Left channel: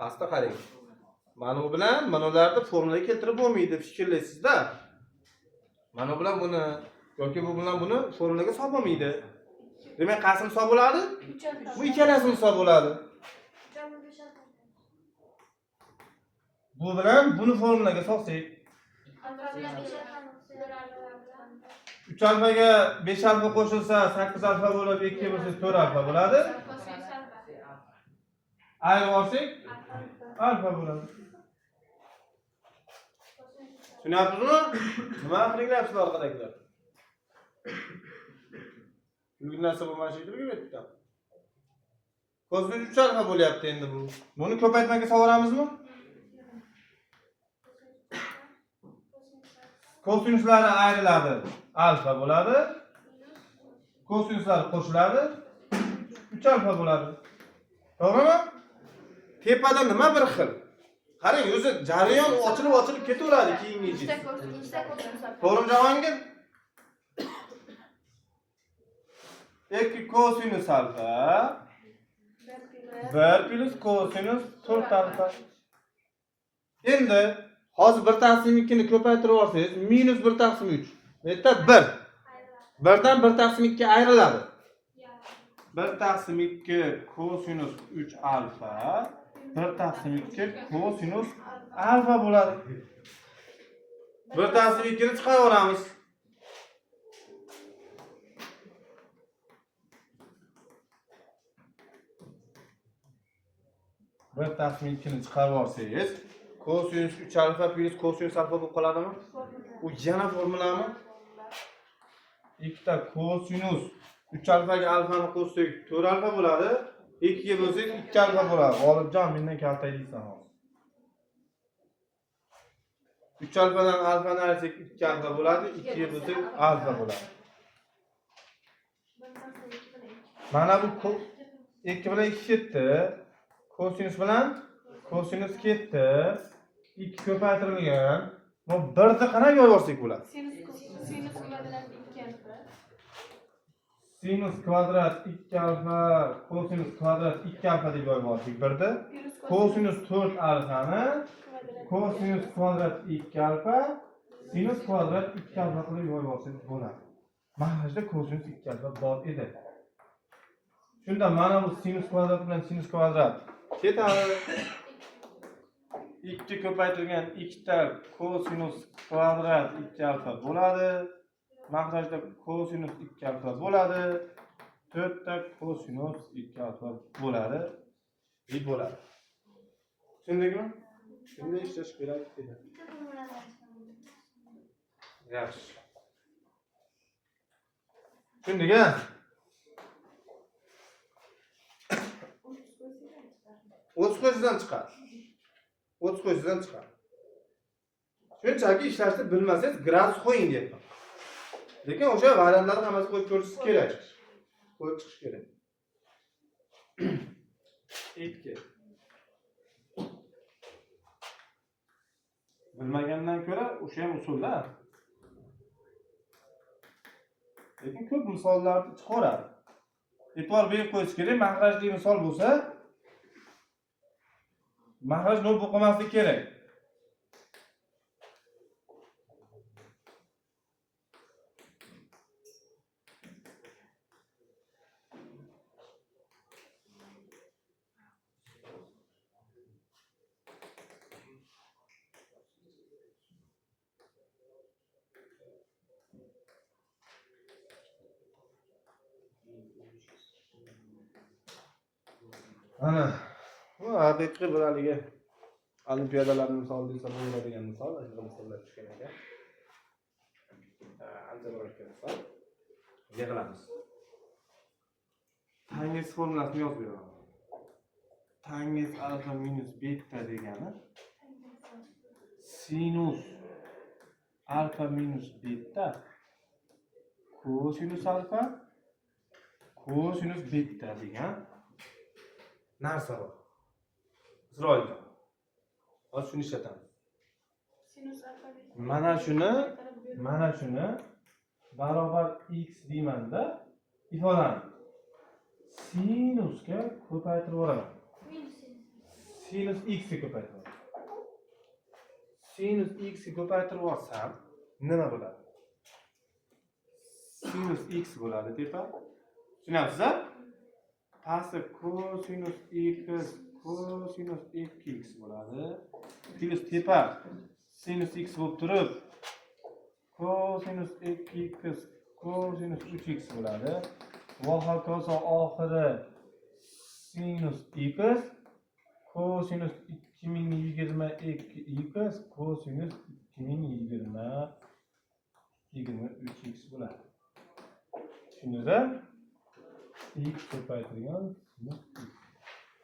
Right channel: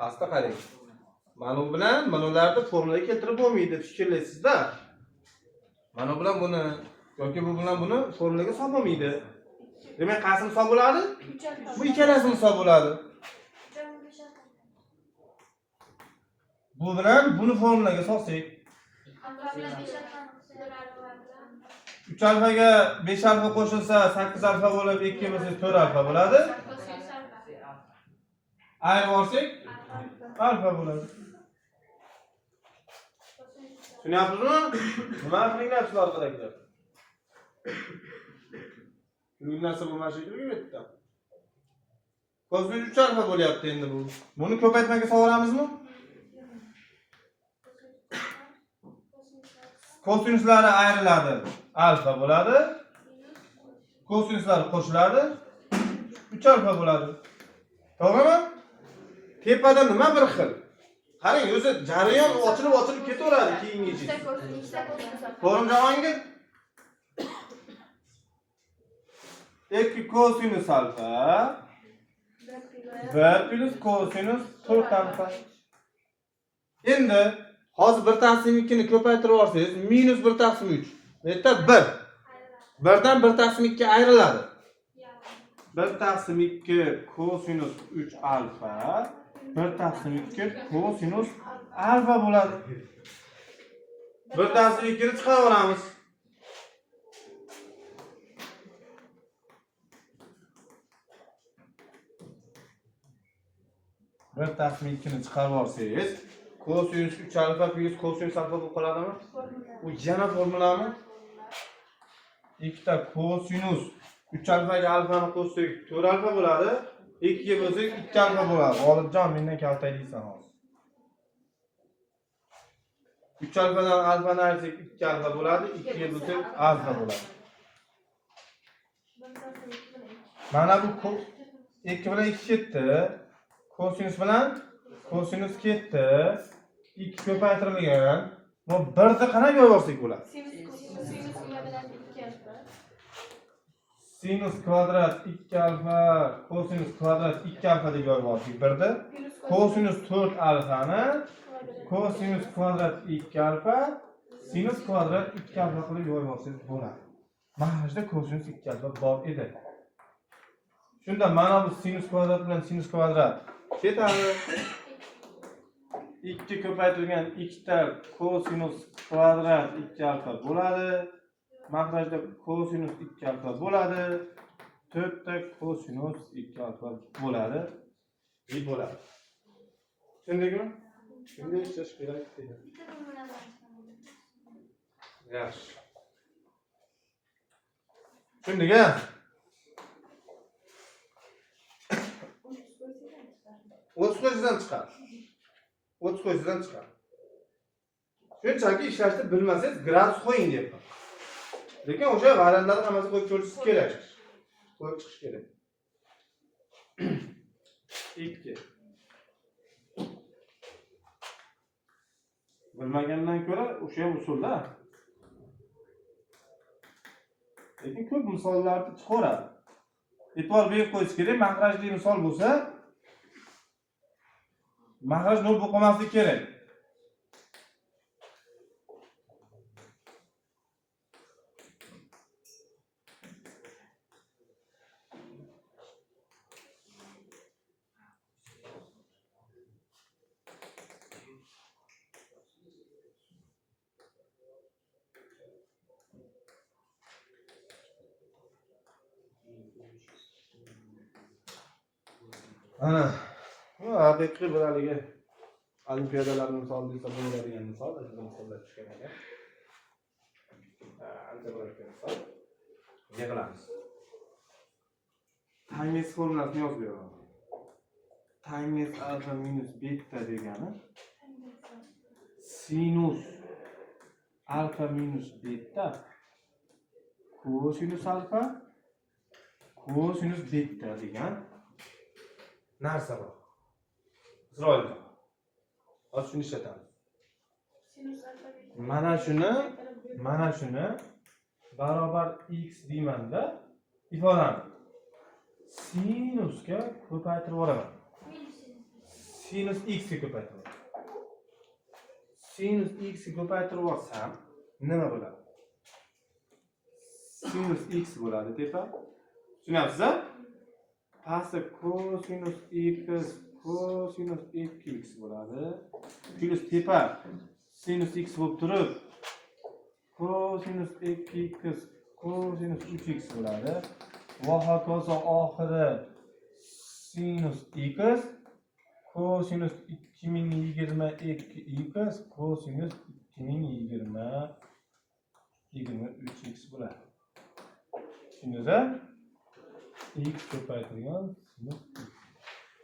Hasta qarang. Mana bu bilan manalarni formulaga keltirib bo'lmaydi, fikrlaysizda. Mana bilan buni yoki bu bilan buni formulaga solib bo'lmaydi. Demak, qaysi hisob bo'ladi? Bu ikkalasi hisob bo'ladi. Bu bilan buni formulaga solsak, 3 alfaga 5 alfa qo'shilsa 8 alfa bo'lib, 2 bo'lsa 4 alfa bo'ladi. Ayirib olsak alfa bo'ladi. Tushunyapsizmi? Nima qilinglar sizlar orqadagilar? Bu narsa bo'lmashi kerak edi. Kosinus 3 alfa bo'lyapti endi bu. Buni ko'paytmaga so'ramizmi? Kosinuslari ayriladi, alfa bo'ladi. Kosinuslar qo'shiladi, 3 alfa bo'ladi. To'g'rimi? Tepada nima bir xil? Qarang, o'zi jarayon ochilib ketaveradi keyingi. To'g'rimi Jahongir? 2 kosinus alfa 1 plus kosinus 4 alfa. Endi hozir 1 taqsim 2 ni ko'paytirib olsangiz minus 1 taqsim 3. Neta 1. 1 dan 1 taqsim 2 ayriladi. 1 taqsim 2 kosinus 3 alfa 1 taqsim 2 kosinus alfa bo'ladi. 1 taqsim 2 ni chiqaraveramiz. 1 taqsim 2 ni chiqarib olsangiz, kosinus 3 alfa plus kosinus alfa bo'lib qoladimi? U yana formulami? 2 ta kosinus 3 alfaga alfani qo'shsak 4 alfa bo'ladi. 2 ga bo'lsak 2 alfa bo'ladi. G'olibjon, mendan kaltaylaysan hozir. 3 alfadan alfani ayirsak 2 alfa bo'ladi. 2 ga bo'lsak alfa bo'ladi. Mana bu 2 bilan 2 ketdi. Kosinus bilan kosinus ketdi. 2 ko'paytirilgan. Bu 1 da qanaqa yo'yorsak bo'ladi? Sinus kvadrat 2 alfa, kosinus kvadrat 2 alfa deb yozib oldik. 1 da kosinus 4 alfani kosinus kvadrat 2 alfa, sinus kvadrat 2 alfa qilib yozib olsangiz bo'ladi. Mana kosinus 2 alfa bor edi. Shunda mana bu sinus kvadrat bilan sinus kvadrat ketadi. 2 ko'paytirilgan 2 ta kosinus kvadrat 2 alfa bo'ladi. Mahrajda kosinus 2 alfa bo'ladi. 4 ta kosinus 2 alfa bo'ladi. Bo'ladi. Tushundingmi? Shunday ishlash kerak edi. Yaxshi. Tushundingmi? 30 qo'yishdan chiqar. 30 qo'yishdan chiqar. Shunchaki ishlashni bilmasangiz gradus qo'ying deyapman. Lekin o'sha variantlarni hammasi qo'yib ko'rishingiz kerak. Qo'yib chiqish kerak. 2. Bilmagandan ko'ra o'sha ham usulda. Lekin ko'p misollarni chiqaradi. E'tibor berib qo'yish kerak, mahrajli misol bo'lsa, mahraj nol bo'lib qolmasligi kerak. Ana, bu haqiqiy bir haligi olimpiadalarning misoli desa bo'ladigan misol, aslida misollar tushgan ekan. Ancha murakkab misol. Yig'ilamiz. Tangens formulasini yozib beraman. Tangens alfa minus beta degani sinus alfa minus beta kosinus alfa kosinus beta degan narsa bor. Isroilda. Hozir shuni ishlatamiz. Mana shuni barobar x deymanda ifodani sinusga ko'paytirib yuboraman. sinus x ga ko'paytirib. Sinus x ga ko'paytirib olsam, nima bo'ladi? Sinus x bo'ladi tepa. Tushunyapsiz-a? Pastda cosinus x cosinus 2x bo'ladi. Plus tepa sinus x bo'lib turib, cosinus 2x cosinus 3x bo'ladi. Va hokazo oxiri sinus x cosinus 2022x cosinus 2023x bo'ladi. Tushundingizmi? X ko'paytirgan sinus x.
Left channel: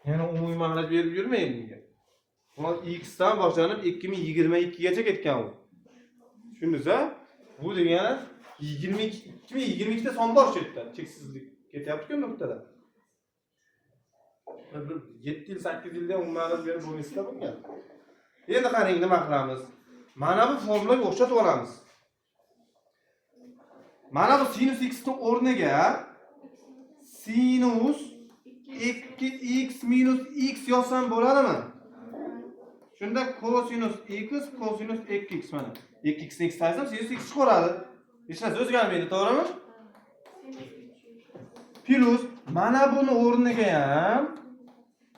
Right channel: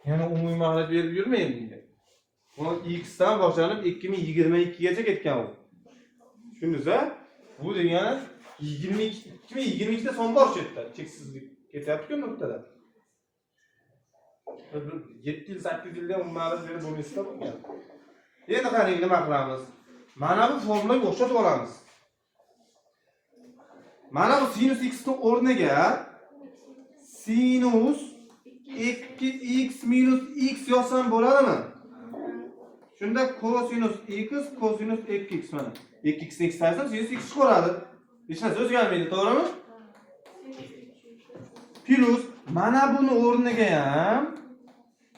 Yana umumiy ma'lumot berib yurmaydi menga. Buni x dan boshlanib 2022 gacha ketgan u. Tushundingizmi? Bu degani 2022 da son bor chetda cheksizlik ketyapti-ku nuqtada. 7 yil 8 yilda ma'lumot berib bo'lishda bo'lgan. Endi qarang nima qilamiz? Mana bu formulaga o'xshatib olamiz. Mana bu sinus x ning o'rniga sinus 2x minus x yozsam bo'ladimi? Shunda cosinus x cosinus 2x mana. 2x ni x saysa sinus x chiqaradi. Hech narsa o'zgarmaydi, to'g'rimi? Plus mana buni o'rniga ham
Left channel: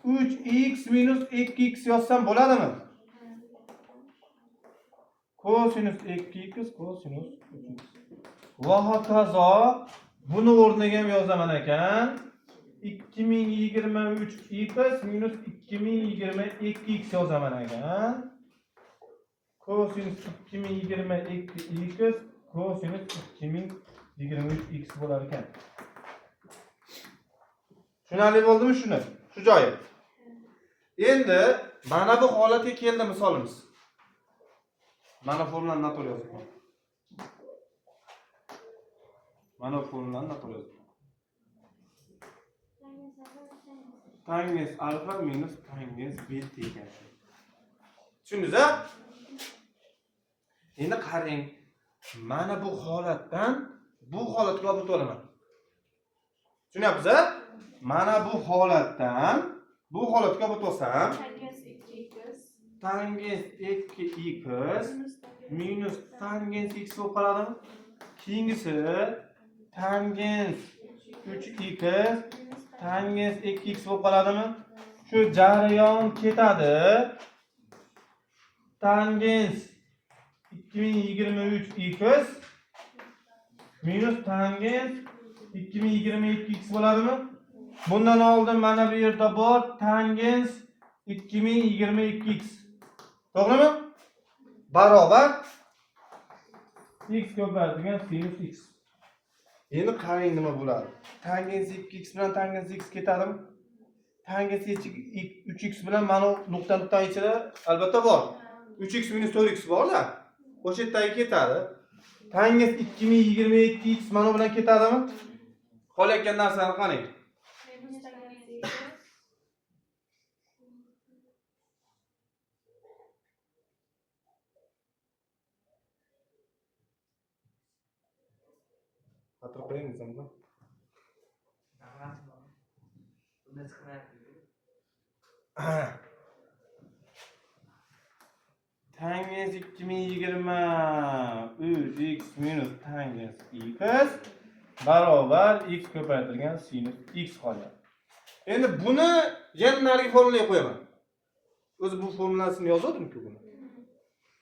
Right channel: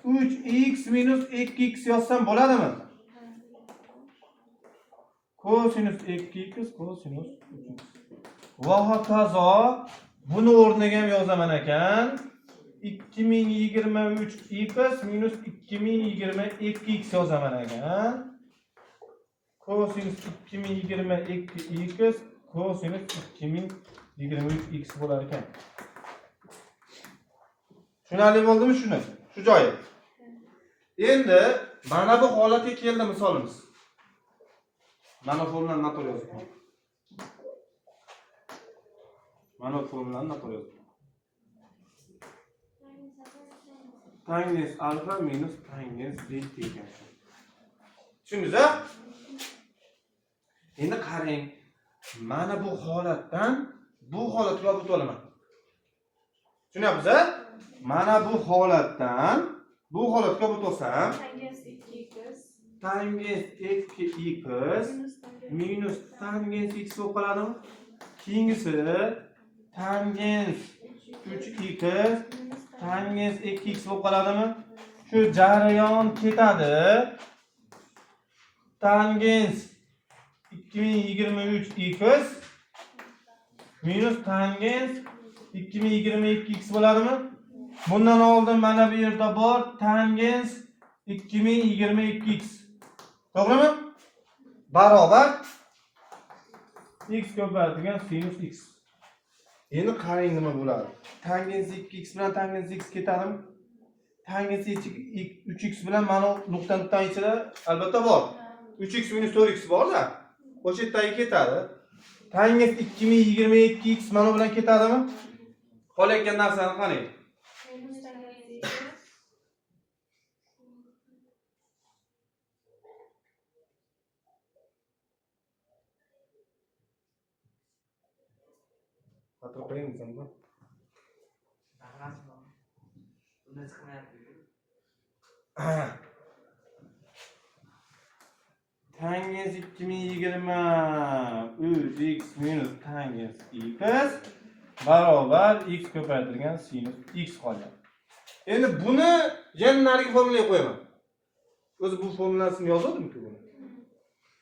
3x minus 2x yozsam bo'ladimi? Cosinus 2x cosinus 3x. Va hokazo buni o'rniga ham yozaman ekan. 2023x minus 2022x yozaman ekan. Cosinus 2022x cosinus 2023x bo'lar ekan. Tushunarli bo'ldimi shuni? Shu joyi. Endi mana bu holatga keldi misolimiz. Mana formulani noto'g'ri yozdim. Mana formulani noto'g'ri yozdim. Tangens alfa minus tangens beta ekan. Tushundingiz-a? Endi qarang. Mana bu holatdan bu holatga olib o'taman. Tushunyapsiz-a? Mana bu holatdan bu holatga olib o'tsam, tangens 2x minus tangens x bo'lib qoladimi? Keyingisi tangens 3x tangens 2x bo'lib qoladimi? Shu jarayon ketadi. Tangens 2023x minus tangens 2022x bo'ladimi? Bundan oldin mana bu yerda bor tangens 2022x. To'g'rimi? Barobar x ko'paytirgan sinus x. Endi qarang nima bo'ladi? Tangens 2x bilan tangens x ketadimi? Tangens 3x bilan mana nuqtadan ichida albatta bor. 3x minus 4x bor-da. O'sha yerdagi ketadi. Tangens 2022x mana bilan ketadimi? Qolayotgan narsani qarang. Hatto qo'yingiz unda. Tangens 2023x minus tangens x barobar x ko'paytirgan sinus x qoladi. Endi buni yana narigi formulaga qo'yaman. O'zi bu formulasini yozdim-ku buni.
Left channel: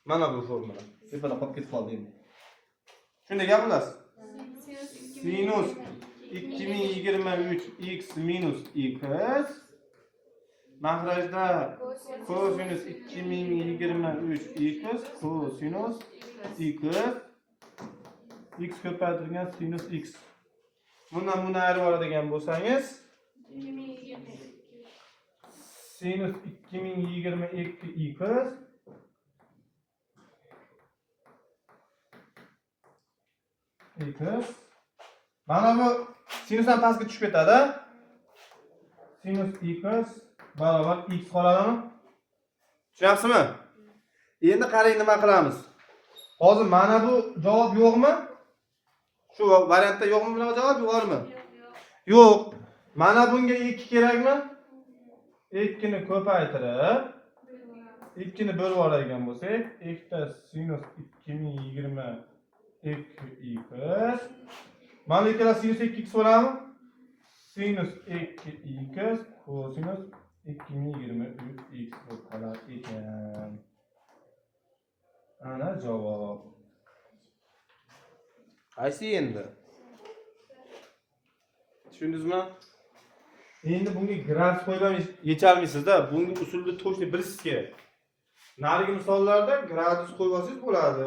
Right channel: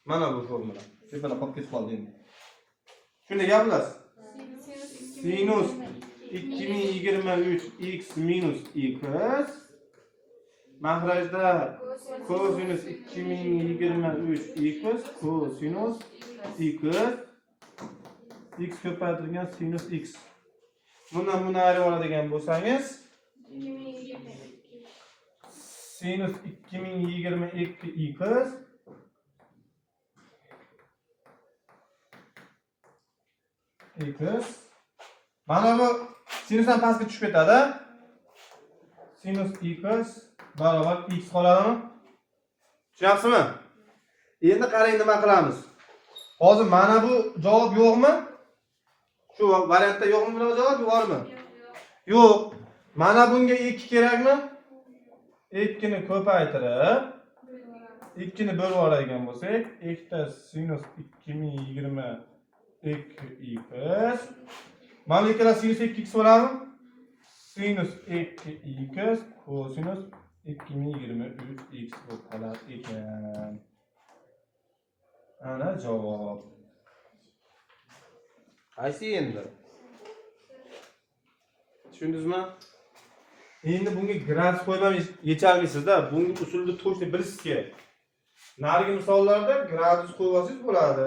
Mana bu formula. Tepada qolib ketib qoldi endi. Shunday gapilasiz. Sinus 2023x minus x mahrajda cosinus 2023x cosinus x ko'paytirgan sinus x. Bundan buni ayirib oladigan bo'lsangiz sinus 2022x mana bu sinusdan pastga tushib ketadi. Sinus x barobar x qoladimi? Tushunyapsizmi? Endi qarang nima qilamiz. Hozir mana bu javob yo'qmi? Shu variantda yo'qmi bu javob, bormi? Yo'q. Mana bunga 2 kerakmi? ikkini ko'paytirib, ikkini bo'lib oladigan bo'lsak, ikkita sinus 2020 2x. Mana bu ikkala sinus 2x bo'ladimi? Sinus 2x kosinus 2023x bo'lib qolar ekan. Ana javob. Qaysi endi? Tushundingizmi? Endi bunga grafik qo'yib ham yecholmaysizda. Bunga usulni to'g'ri bilasiz kerak. Narigi misollarda gradus qo'yib olsangiz bo'ladi.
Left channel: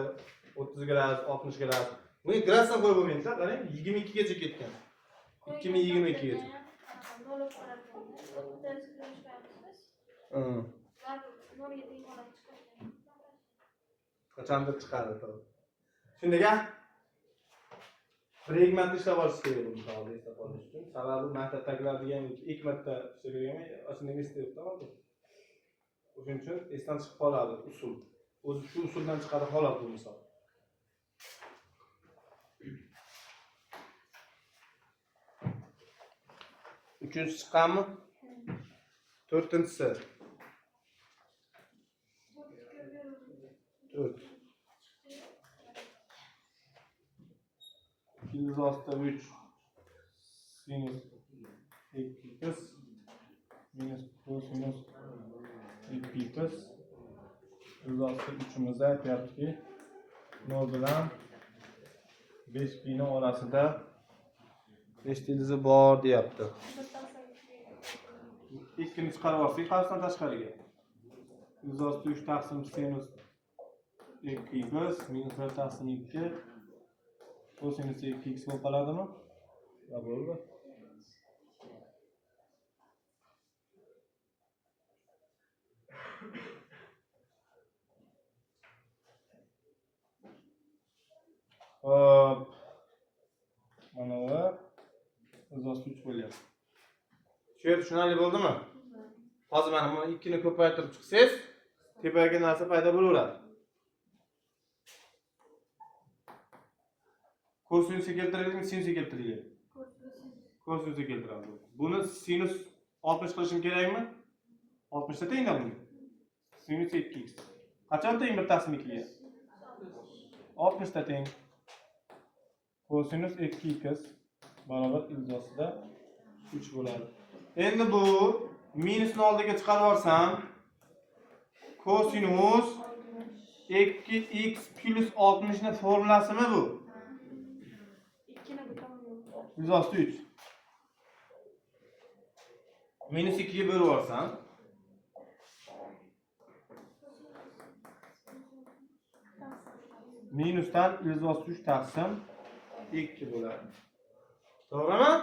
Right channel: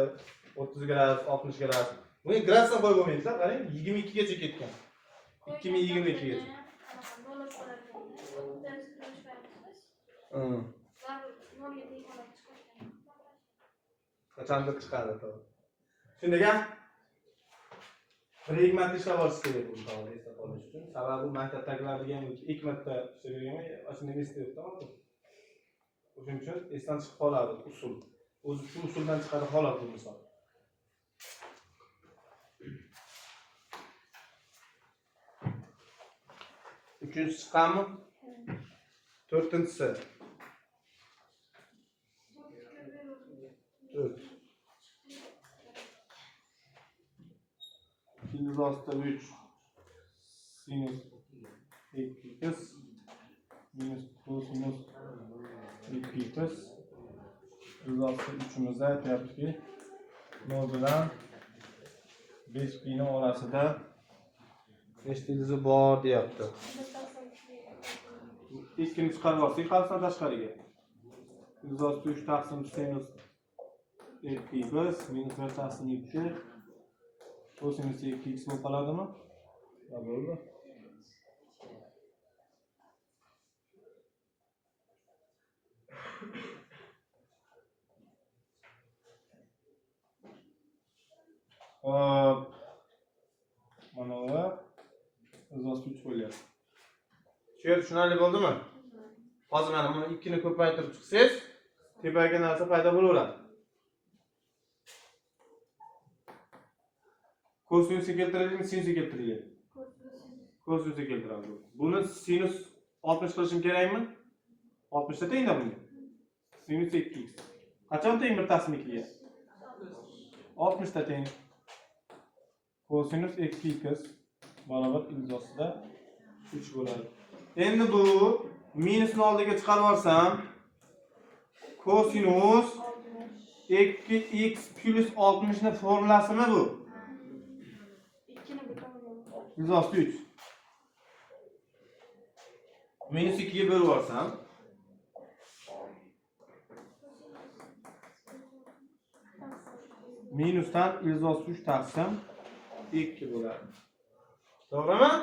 30 gradus, 60 gradus. Bunga gradusdan qo'yib bo'lmaydi-da. Qarang, 22 gacha ketgan. 2022 gacha. Qachondir chiqadi to'g'ri. Shundaga bir ikki marta ishlab olish kerak bu savol eslab qolish uchun. Sababi maktabdagilar degan ikki marta ishlaganman, ashunday esda yo'qda. O'shuning uchun esdan chiqib qoladi usul. O'zi shu usuldan chiqadi holat bu misol. Uchinchisi chiqqanmi? To'rtinchisi. 4. İkinci hasta 3 sinüs 2x minus kosinüs 2x. İkinci hasta 3'ümüzde aytyapti ki 0 bilan 5'ning orasida 5 tilizi bor deyapti. Ikkini chiqarib olsak, qarasam tashqariga. İkinci hasta 3 taqsim sinus 2x minus 1 taqsim 2 kosinus 2x bo'lib qoladimi? Ya bo'ldi. Hop. Mana bu o'zimiz 3 bo'lyapti. Shu yerda tushunarli bo'ldimi? Hozir mana buni 2 ni ko'paytirib chiqsangiz, tepaga narsa paydo bo'laveradi. Kosinusga keltiradimi, sinusga keltiradimi? Kosinusga keltiramiz. Buni sinus 60 qilishim kerakmi? 60 ta tengda bunga. Sinus 2x. Qachon teng 1 taqsim 2 ga? 60 ta teng. Kosinus 2x barobar ilzosida 3 bo'ladi. Endi bu minusni oldiga chiqarib olsam, kosinus 2x plus 60 ni formulasimi bu? Ilzosida 3. Minus 2 ga bo'lib olsam, minusdan ilzosida 3 taqsim 2 bo'ladi. To'g'rimi?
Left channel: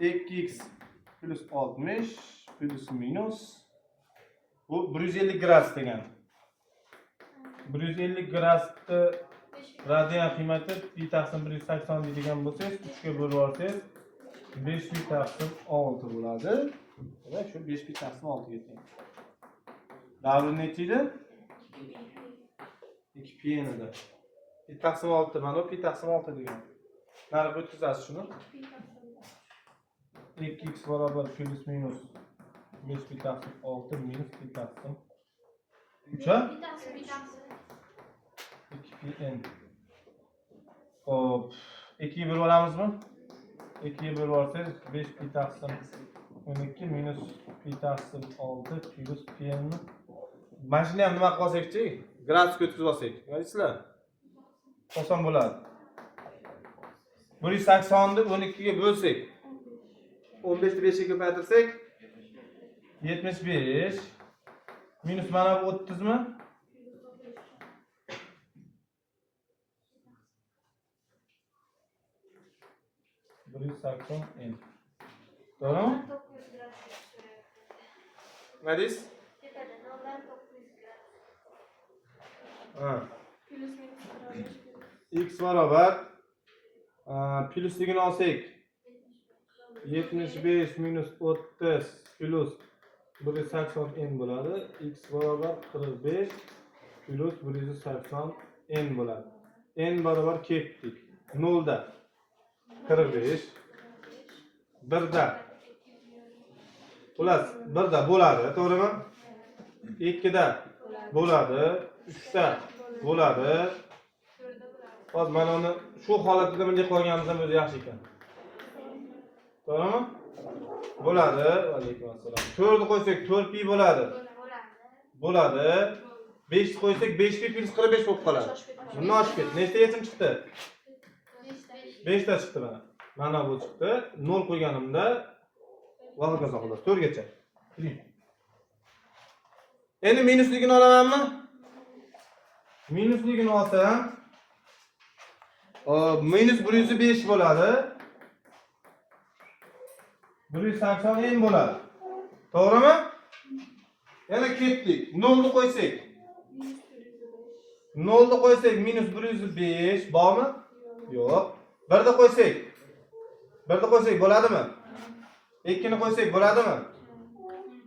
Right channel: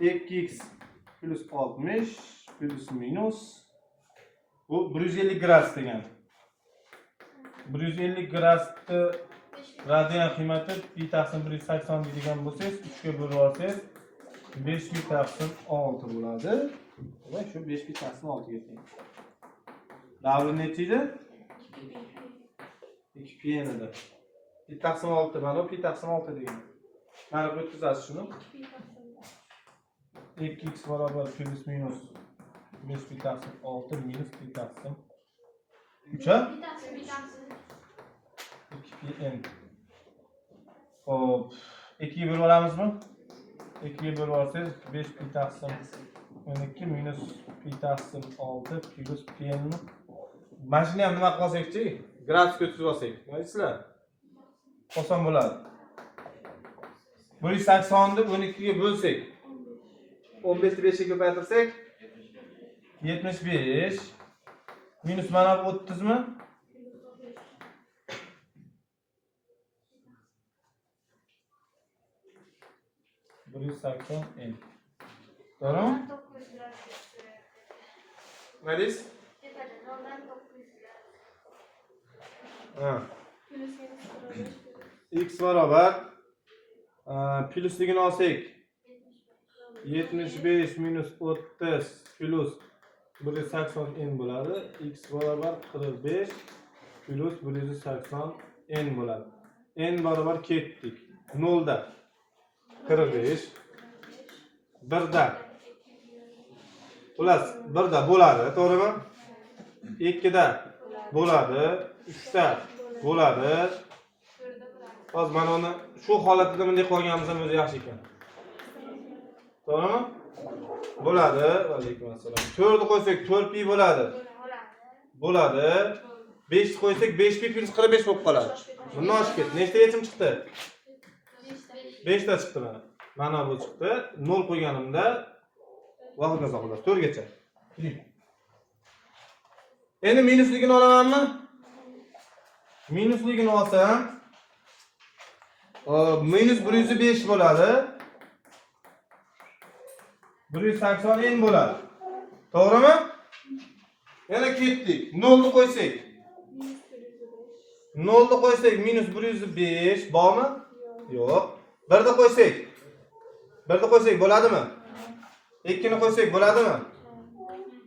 2x plus 60 plus minus bu 150 gradus degan. 150 gradusni radian qiymati pi taqsim 180 deydigan bo'lsangiz, 3 ga bo'lib olsangiz 5 pi taqsim 6 bo'ladi. Va shu 5 pi taqsim 6 ga teng. Davri necha edi? 2 pi edi. Pi taqsim 6 mana pi taqsim 6 degan. Mana bu o'tkazasiz shuni. 2x barobar plus minus 5 pi taqsim 6 minus pi taqsim 3 a? 2 pi n. Hop, 2 ga bo'lib olamizmi? 2 ga bo'lib olsangiz 5 pi taqsim 12 minus pi taqsim 6 plus pi n mi? Mana shuni ham nima qilsak-chi? Gradusga o'tkazib olsak. Nima deysizlar? Oson bo'ladi. 180 ni 12 ga bo'lsak, 15 ni 5 ga ko'paytirsak 75 minus mana bu 30 mi? n. To'g'rimi? Nima deysiz? X barobar plusligini olsak 75 minus 30 plus 180 n bo'ladi. X barobar 45 plus 180 n bo'ladi. n barobar ketdik. 0 da 45. 1 da plus 1 da bo'ladi, to'g'rimi? 2 da bo'ladi, 3 da bo'ladi. Hozir mana uni shu holatda bunday qolganimiz ham o'zi yaxshi ekan. To'g'rimi? Bo'ladi. Alaykum assalom. 4 ni qo'ysak 4 pi bo'ladi. Bo'ladi. 5 ni qo'ysak 5 pi plus 45 bo'lib qoladi. Bundan oshib ketdi. Nechta yechim chiqdi? 5 ta chiqdi mana. Mana bu chiqdi. 0 qo'yganimda vaqtga saqlash 4 gacha. Endi minusligini olamanmi? Minusligini olsam, minus 105 bo'ladi. 180 n bo'ladi. To'g'rimi? Yana ketdik. 0 ni qo'ysak. 0 ni qo'ysak minus 105 bormi? Yo'q. 1 ni qo'ysak. 1 ni qo'ysak bo'ladimi? 2 ni qo'ysak bo'ladimi?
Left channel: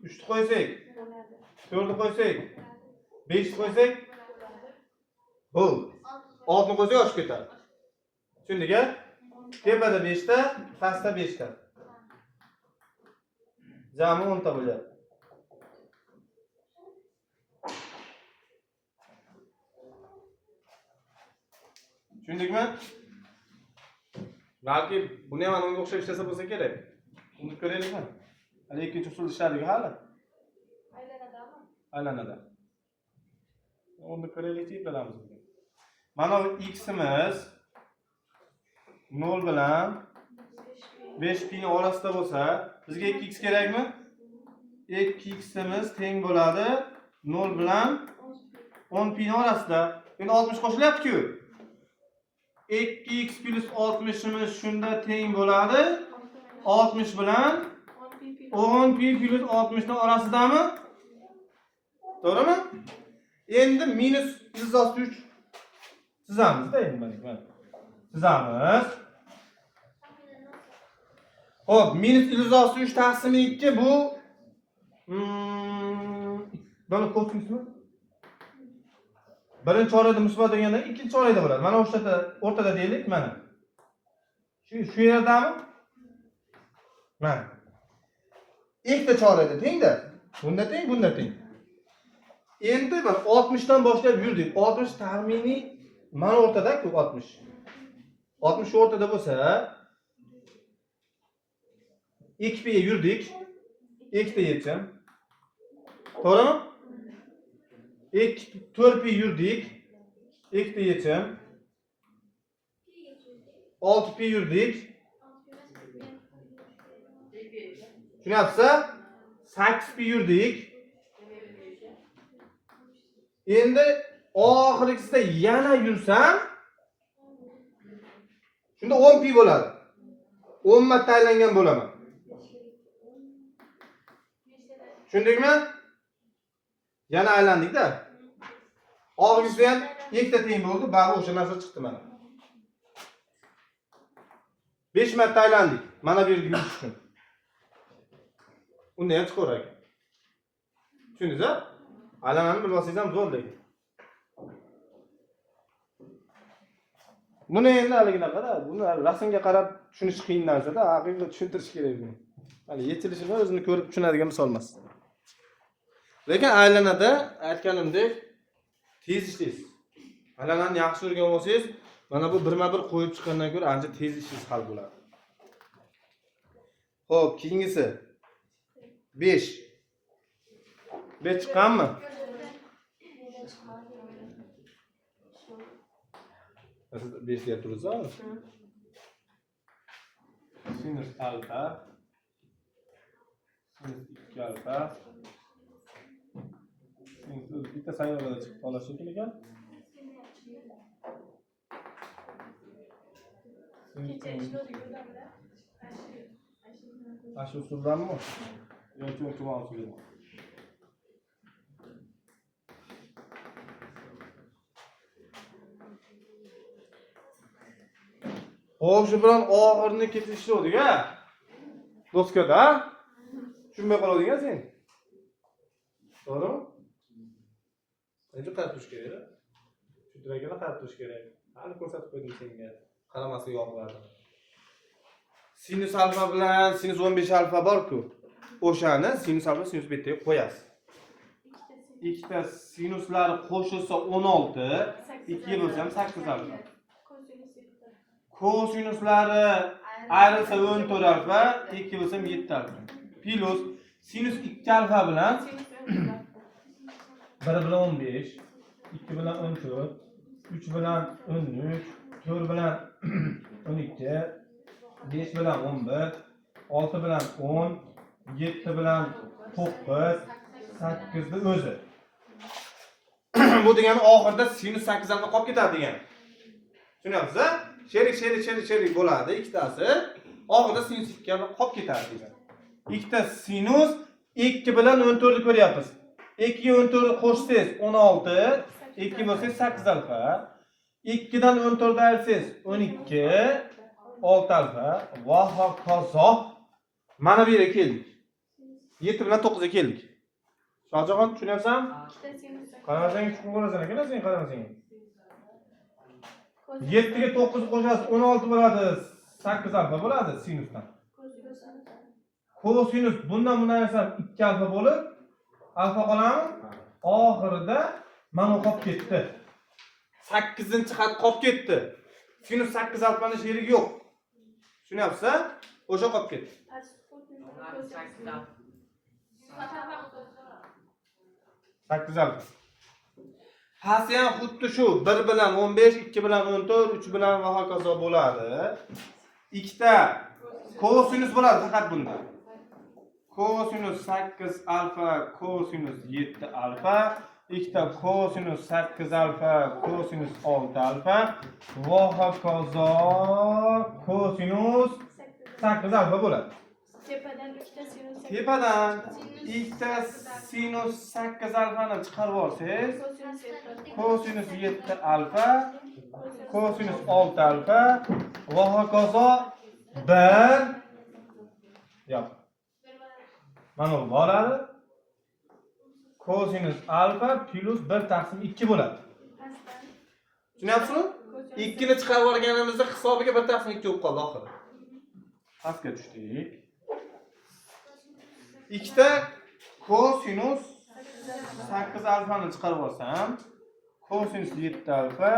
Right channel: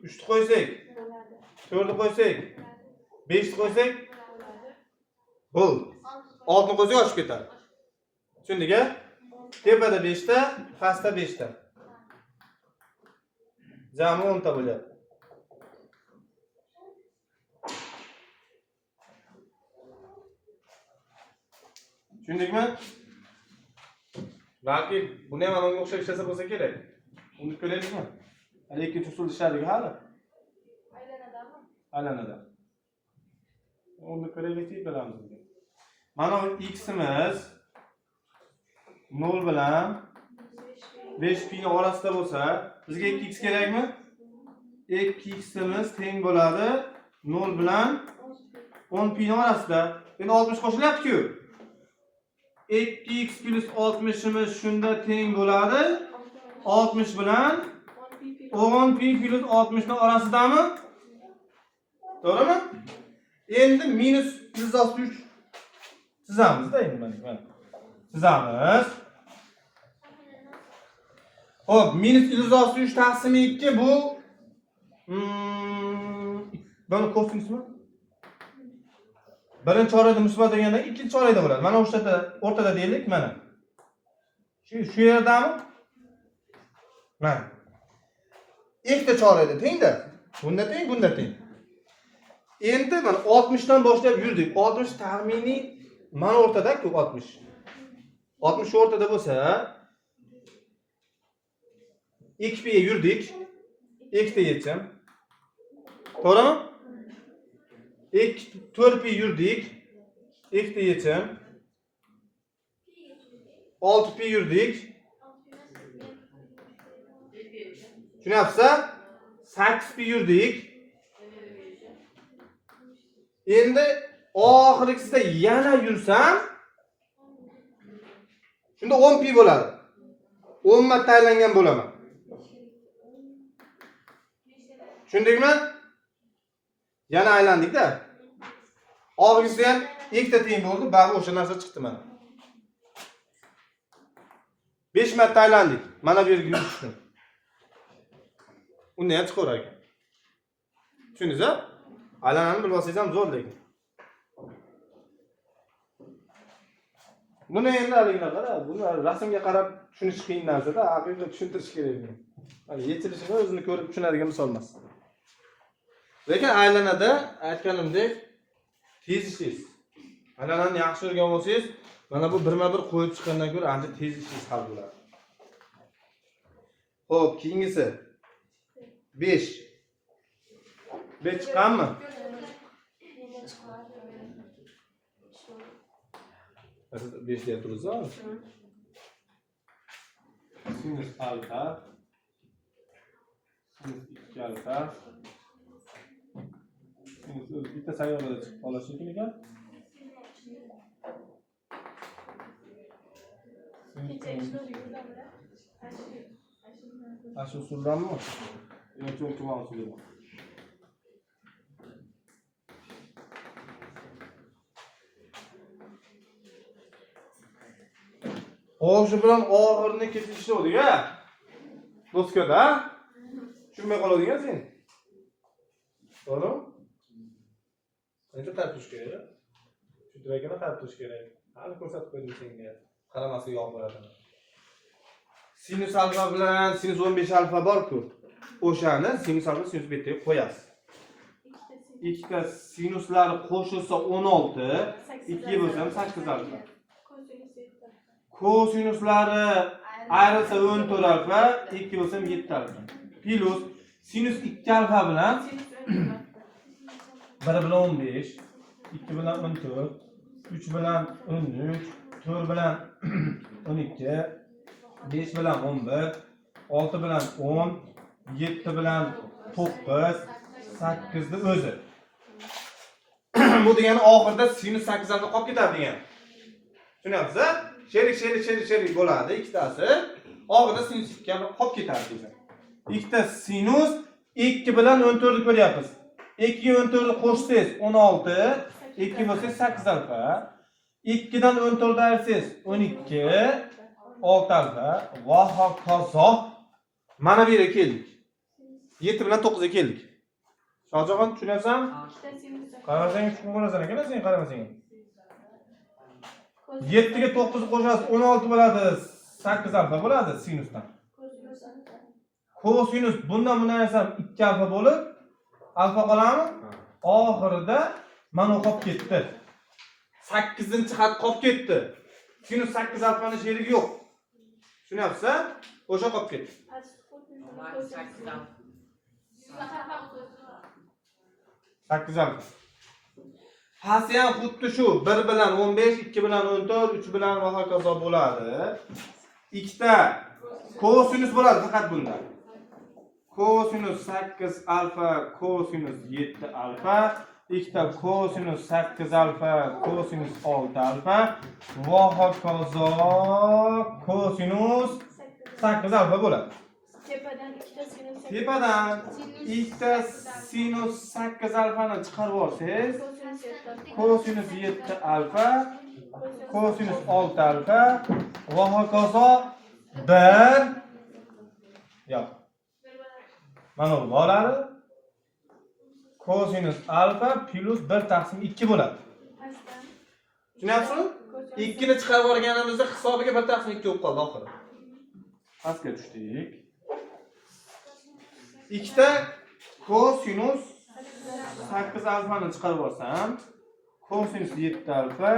3 ni qo'ysak. 4 ni qo'ysak. 5 ni qo'ysak. Bo'l. 6 ni qo'ysak oshib ketadi. Tushundingmi? Tepada 5 ta, pastda 5 ta. Jami 10 ta bo'lyapti. Tushundingmi? Balki buni ham unga o'xshab ishlasa bo'lsa kerak. Uni ko'raylikmi? Hali ikkinchi usul ishladik hali. Aylanadami? Aylanadi. Uni ko'raylik deb bilamiz. Mana x'imiz 0 bilan 5 pi orasida bo'lsa, bizga 2x kerakmi? 2x'imiz teng bo'ladi 0 bilan 10 pi orasida. Endi 60 qo'shilyapti-ku. 2x plus 60'imiz shunda teng bo'ladi 60 bilan 10 pi plus 60 ning orasidami? To'g'rimi? Endi minus 163 chizamiz-da endi mana. Chizamiz. Xo'p, minus 163 taqsim 2 bu buni kosinusmi? Birinchi chorakda musbat deganda ikkinchi chorakda bo'ladi. Mana o'rtada deylik, mana. Shu yerdami? Mana. Ikkita chorakda tengda. Bunda teng, bunda teng. Endi mana 60 dan boshlab yurdik. 60 taxminiy mana o'rtada-ku 60. 60 o'rtada bo'lsa, 2 pi yurdik. 2 ta yechim. To'g'rimi? 4 pi yurdik. 2 ta yechim. 6 pi yurdik. Tushunyapsiz? 8 pi yurdik. Endi oxirgisida yana yursam, shunda 10 pi bo'ladi. 10 marta aylangan bo'laman. Tushundingmi? Yana aylandik-da. Oxirgisi ham ikkita teng bo'ldi, bari o'sha narsa chiqdi mana. 5 marta aylandik. Mana bu yerga yurishdim. Unda ham chiqarar ekan. Tushundingiz-a? Aylanani bilib olsangiz ham zo'r lekin. Buni endi haligidaqa, buni rasmga qarab tushunish qiyin narsa-da, aqlga tushuntirish kerak buni. Hali yetilishini o'zini ko'rib tushunadigan misol emas. Lekin aylanada aytganimdek tez ishlaysiz. Aylanani yaxshi o'rganib olsangiz, mana bu birma-bir qo'yib chiqqandan ko'ra ancha tez ishingiz hal bo'ladi. Xo'p, keyingisi 5. 5 chiqqanmi? Siz 5 deb turibsiz-a? Sinus alfa. Sinus 2 alfa. Sinus bitta sayyorada chiqib qolishi kerak ekan. Ashu usuldanmi? Yoki o'rtaman usuldanmi? Shu bilan oxirini kesishdik-a? Doskada. Tushunmay qoladigan sen. To'g'rimi? Endi tartish kerak. Shu Shudrakini qarab turish kerak. Hali ko'rsatib qo'ydim senga. Qaramaslik yo'qlarni. Sinus alfa bilan sinus 15 alfa bor-ku. O'shani sinus alfa sinus betaga qo'yasiz. Ikkita sinuslari qo'shilsa 16, 2 bo'lsa ham 8 alfa. Kosinuslari ayrilsa 14 alfa, 2 bo'lsa ham 7 alfa. Plus sinus 2 alfa bilan 1 bilan 15, 2 bilan 14, 3 bilan 13, 4 bilan 12, 5 bilan 11, 6 bilan 10, 7 bilan 9, 8 ni o'zi. Bu degani oxirida sinus 8 alfa qolib ketadi degan. Tushunyapsiz? Sherik bo'ladi ikkitasi. Oxirida sinus 2 alfa qolib ketadi degan. Ikkita sinus 2 bilan 14 ni ko'ryapmiz. 2 ga 14 ni qo'shsangiz 16, 2 bo'lsa 8 alfa. 2 dan 14 ni ayirsangiz 12, 6 alfa va hokazo. Mana bu yerga keldik. 7 bilan 9 ga keldik. Shohjahon tushunyapsan? Qaramasang tushunib qolasan ekan, sen qaramasang. 7 ga 9 qo'shasiz 16 bo'ladi, 8 alfa bo'ladi sinusdan. Kosinus bundan ayrsam 2 alfa bo'lib, alfa qoladimi? Oxirida mana qolib ketdi. 8-xat qolib ketdi. Sinus 8 alfaning sherigi yo'q. Tushunyapsiz? O'sha qolib ketdi. 8 alfa. Pasti ham xuddi shu 1 bilan 15, 2 bilan 14, 3 bilan va hokazo bo'ladi. Ikkita kosinus bo'ladi faqat bunda. Kosinus 8 alfa, kosinus 7 alfa, ikkita kosinus 8 alfa, kosinus 6 alfa va hokazo kosinus 8 alfa bo'ladi. Tepadan ikkita sinus 8 alfani chiqarib olsangiz, kosinus 7 alfa, kosinus 6 alfa va hokazo 1 yo'q. Mana bu bo'ladi. Kosinus alfa plus 1 taqsim 2 bo'ladi. Tushunyapsizmi? 2 ni chiqarib olganimizda hisobiga 1 taqsim 2 bo'lib qoldi oxiri. Pastga tushdik. Ikkita kosinus 8 alfani chiqarib olsam, kosinus 7 alfa,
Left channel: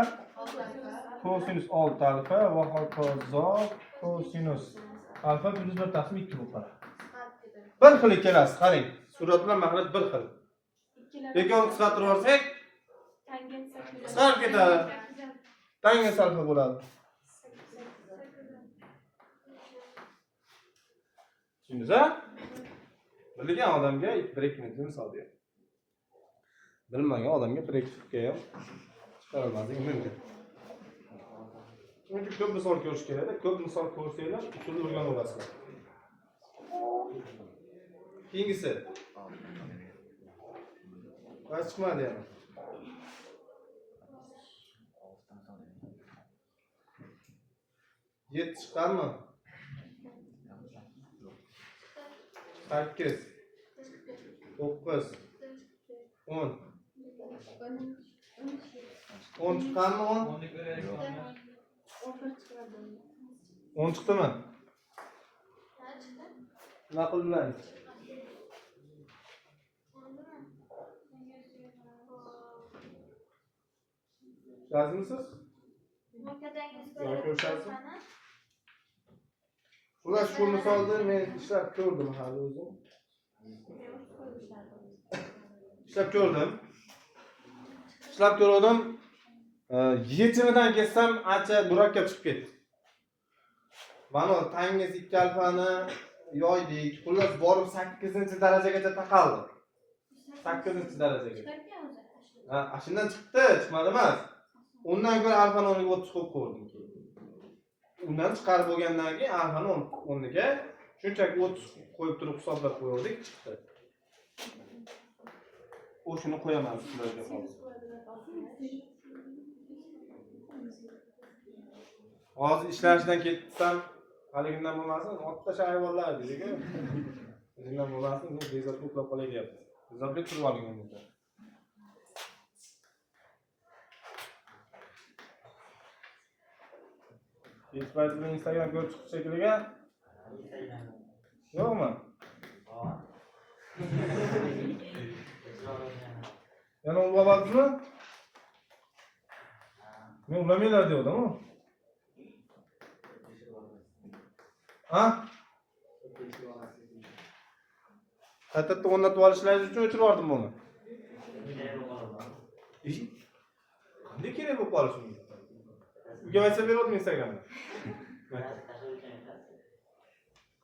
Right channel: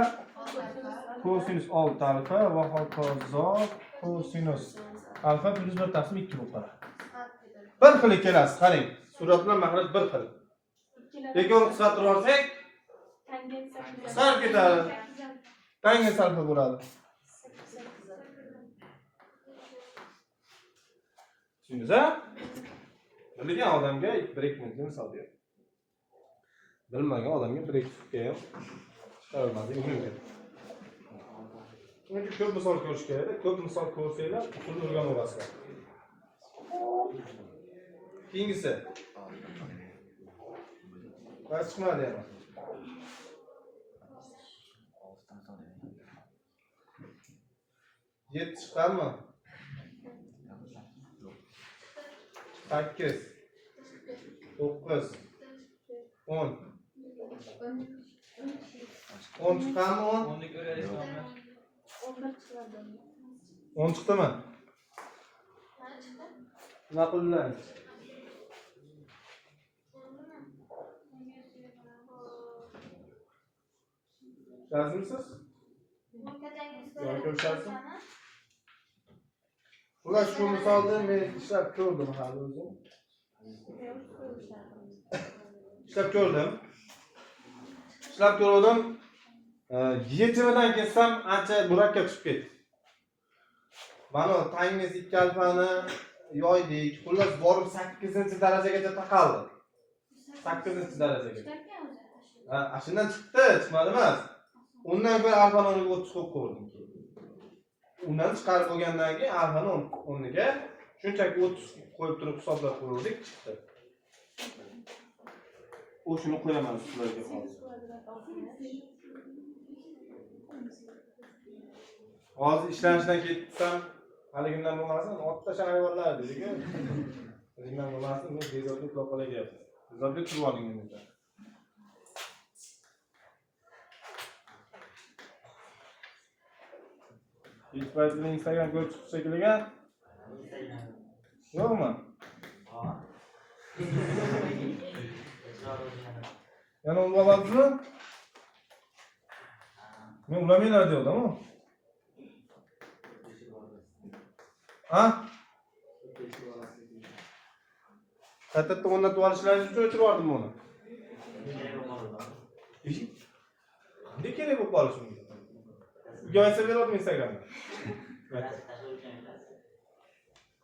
kosinus 6 alfa va hokazo kosinus alfa plus 1 taqsim 2 bo'lib qoladi. Bir xil kelasiz, qarang. Surat bilan mahraj bir xil. Lekin uni qisqartirib olsak, qisqarib ketadi. Tangens alfa bo'ladi. Tushundingizmi? Bilgan odamga 1-2 minutda misol ber. Bilmagan odamga 1-2 minutga ham chiqarolmasligi mumkin. Chunki ko'p misol ko'rish kerak. Ko'p misol ko'rsanglar, usulni o'rganib olasizlar. Keyingisi. Vaqt chiqmadi yana. Yet chiqarmi? 8 9 10 10 chiqarmi? 10 ni ko'raylik. 10 chiqdimi? Nima qildilar? Razmisiz? Yo'q, ko'rsatsin. Ular shu misolda men ishlab ko'rdim hali o'zim. Ishlab ko'rdim. Yechimidan kelsam ancha murakkab chiqib ketdi. Mana tangiz 2 alfani yoydik. Xullas borib 8-darajagacha taqaldi. 8-darajaga. Ha, shundan chiqdi, chiqmadi emas. Undan keyin alfani 10 ga o'tib chiqib ko'rdim. Undan chiqarib bo'lgandan keyin alfani 10 ga shunchaki 30 qo'yib turib hisoblab ko'rdik, chiqdi. O'shuni qo'yaman sizlarga hozir. Hozir ishlashdan ketsam, haligimdan bo'lmasin, otda shayvonlar dedi-ku. O'zingdan bo'lmasin, men bezovta uxlab qolay deyapti. Bezovta turib oling endi. Hech paytida Instagram ko'rib chiqish shekilliga yo'qmi? Yana ulayapsizmi? Men ulamaylar degandim-ku. Ha? Qaytadan o'rnatib olishlaringiz uchun o'chirib yubordim buni. Qanday kerak bo'lib qolishi mumkin? Uyga aytsa beradimi Instagramda?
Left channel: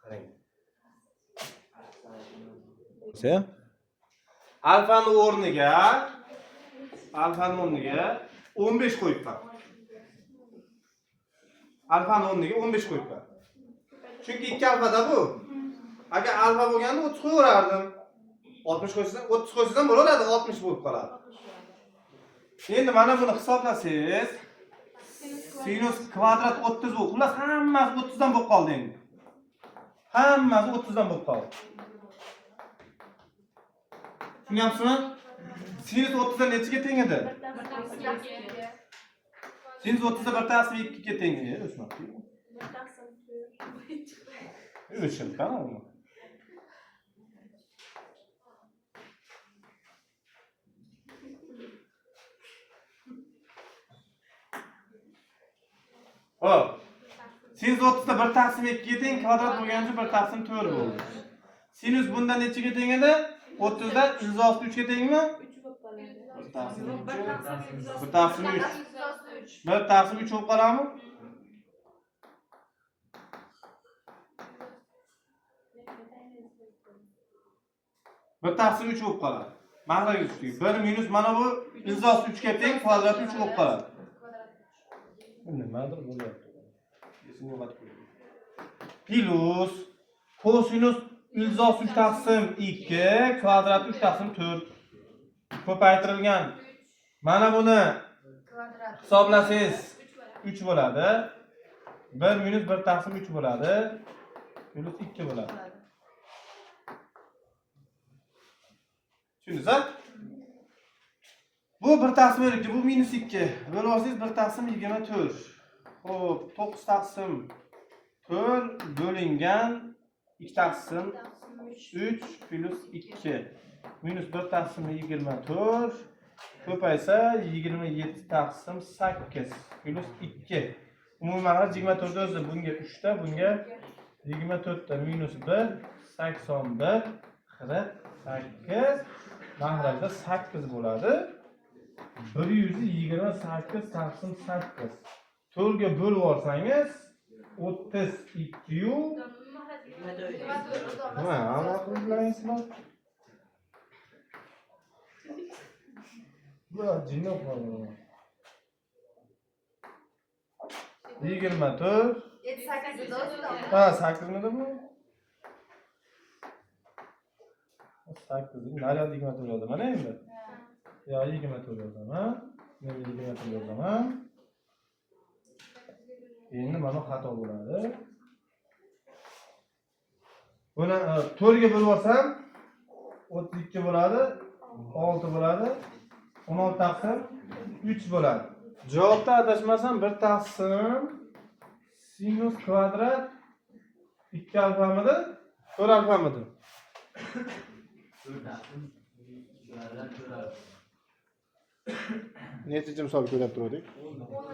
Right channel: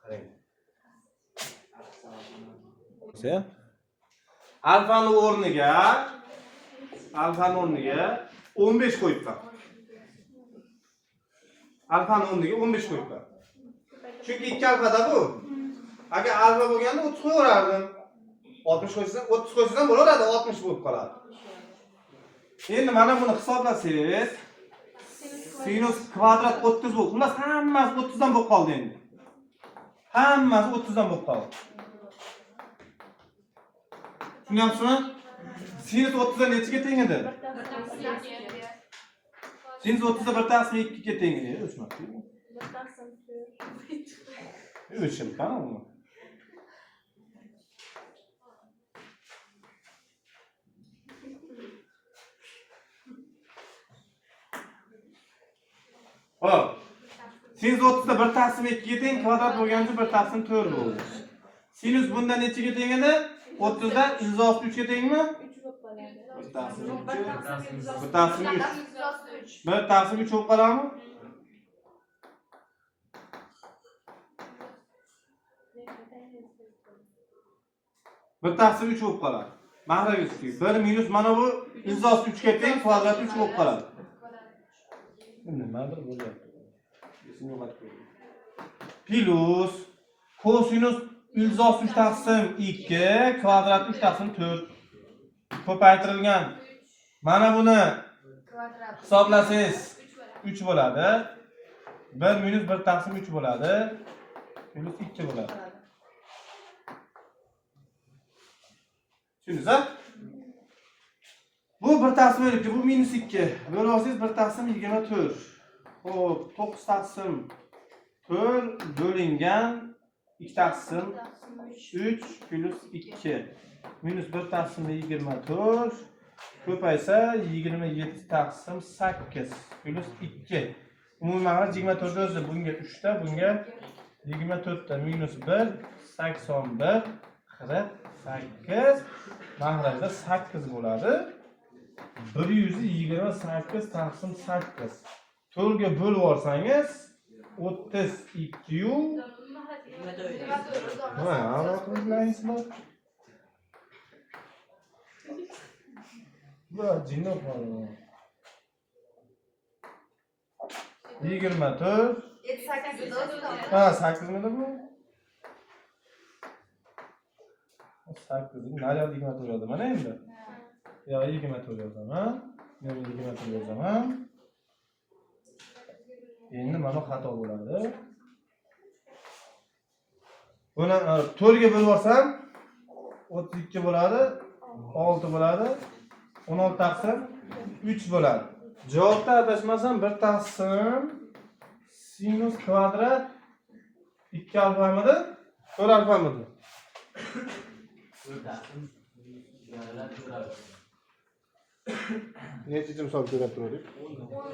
Qarang. Alfani o'rniga 15 qo'yibman. Alfani o'rniga 15 qo'yibman. Chunki 2 alfada bu. Agar alfa bo'lganda 30 qo'yardim. 60 qo'ysam, 30 qo'ysam bo'laveradi, 60 bo'lib qoladi. Endi mana buni hisoblasangiz, sinus kvadrat 30 bo'ldi. Xullas hammasi 30 dan bo'lib qoldi endi. Hammasi 30 dan bo'lib qoldi. Tushunyapsizmi? Sinus 30 dan nechiga teng edi? Sinus 30 da 1/2 ga teng edi. O'chmoqchi. 1/2 o'chim qani? Hop. Sinus 30 da 1/2 ga teng, kvadrat bo'lgancha 1/4 bo'ldi. Sinus bundan nechiga teng edi? 30 dan 163 ga tengmi? 1/3 bo'lib qoladimi? Bir taqsim 3 bo'lib qoladi. Mahraga tushdik. 1 minus mana bu 163 ga teng, kvadrat 3 bo'lib qoladi. Nimadir bo'lyapti. Plus kosinus 163 taqsim 2 kvadrat 3 taqsim 4 ko'paytirilgan. Mana buni hisoblasangiz 3 bo'ladi. 1 minus 1 taqsim 3 bo'ladi. Plus 2 bo'ladi. Tushundingizmi? Bu 1 taqsim 2, bu minus 2. Bo'lib olsangiz 1 taqsim 24. Xo'p, 9 taqsim 4 bo'lingan 2 taqsim 3 plus 2 minus 1 taqsim 24 ko'paysa 27 taqsim 8 plus 2. Umumiy mag'rur 24 o'zi bunga 3 ta, bunga 24 ta minus 1 81 48 mag'rurda 8 bo'ladi. 128 taqsim 8. 4 ga bo'lib olsangiz 32 yu ha, aniqlaysizmi? Bu jinni qoldi. 24 ha, 8 midi bu? 8 naryoq 24 bo'ladi mana endi. Yo 24 yozaman. Men 24 yozaman. Endi mana xato bo'ladi. Buni 4 ga bo'lib olsam 32 bo'ladi, 6 bo'ladi, 16 taqsim 3 bo'ladi. Javobda adashmasam 1 taqsim sinus kvadrat 2 alfamidi, 4 alfamidi? 4 taqsim necha misol ko'rib turdik?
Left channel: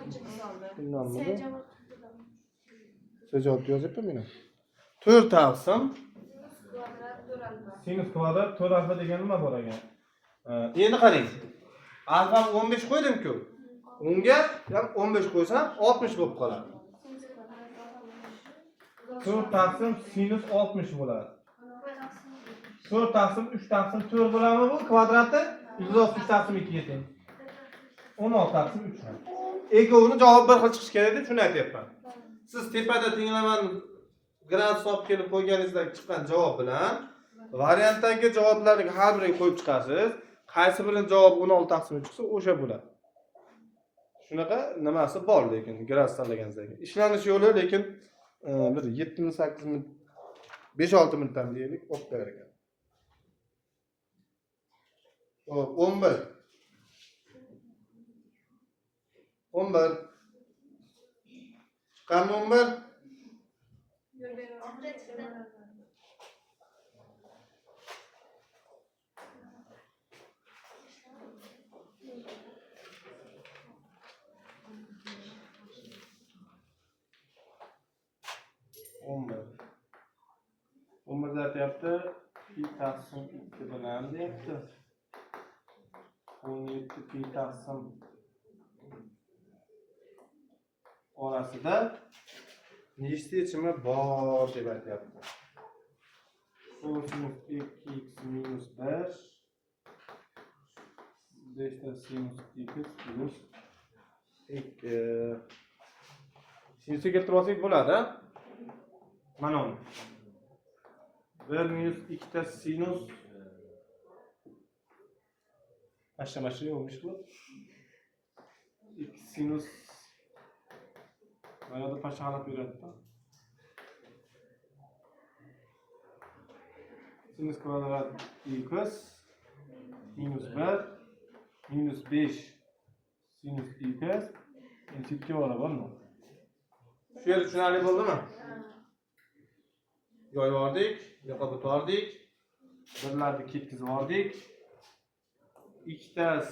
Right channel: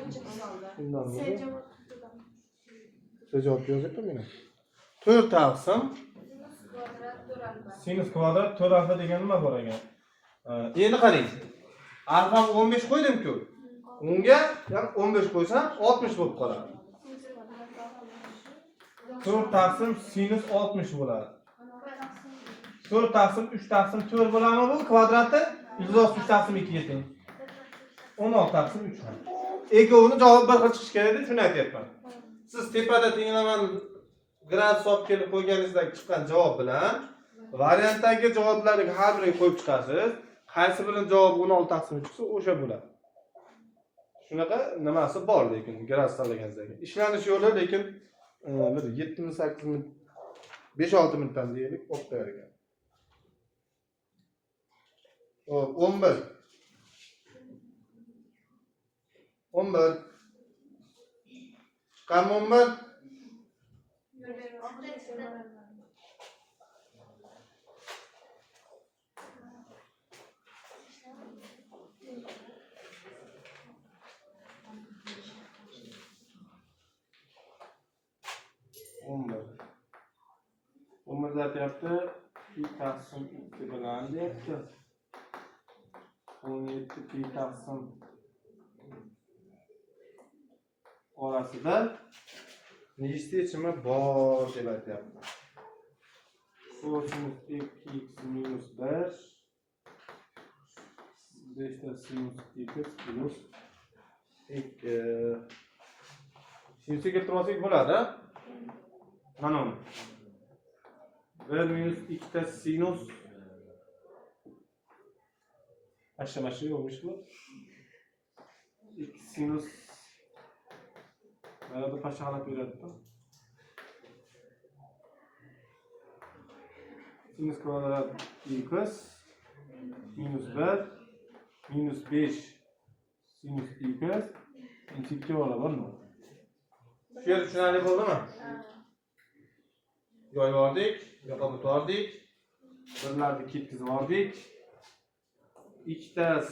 10-chi misolda. Siz javob yozyapti meni. 4 taqsim sinus kvadrat 4 alfa degan nima bor ekan? Endi qarang. Alfa 15 qo'ydim-ku. Unga ham 15 qo'ysam 60 bo'lib qoladi. 4 taqsim sinus 60 bo'ladi. 4 taqsim 3 taqsim 4 bo'ladimi bu kvadrati? 163 taqsim 2 ga teng. 16 taqsim 3. Ikkovini javob bir xil chiqish kerak deb shuni aytyapman. Siz tepada tenglaman gradus olib kelib qo'yganingizdagi chiqqan javob bilan variantdagi javoblarni har biriga qo'yib chiqasiz. Qaysi birining javobi 16 taqsim 3 chiqsa, o'sha bo'ladi. Shunaqa nimasi bor lekin gradus tanlaganingizda. Ishlanish yo'li lekin bir 7-8 minut 5-6 minutdan deylik, o'qib berar ekan. 11 11 Chiqqanmi 11? Umrda deyapti, 2 taqsim 2 bilan deyapti. 17 pi taqsim orasida nechta yechimi bor deb aytyapti. Kosinus 2x minus 1 5 sinus 2x plus 2 sinusga keltirib olsak bo'ladi. Mana bu 1 minus 2 ta sinus aşamaşı olmuş bu. 2 sinus arada paşahalat verildi. Sinus kvadrat x minus 1 minus 5 sinus x eşittir var mı? Şu yer tushunarli bo'ldimi? Yoyib oldik, yoqib o'tdik. Birlarni ketkizib oldik. 2 ta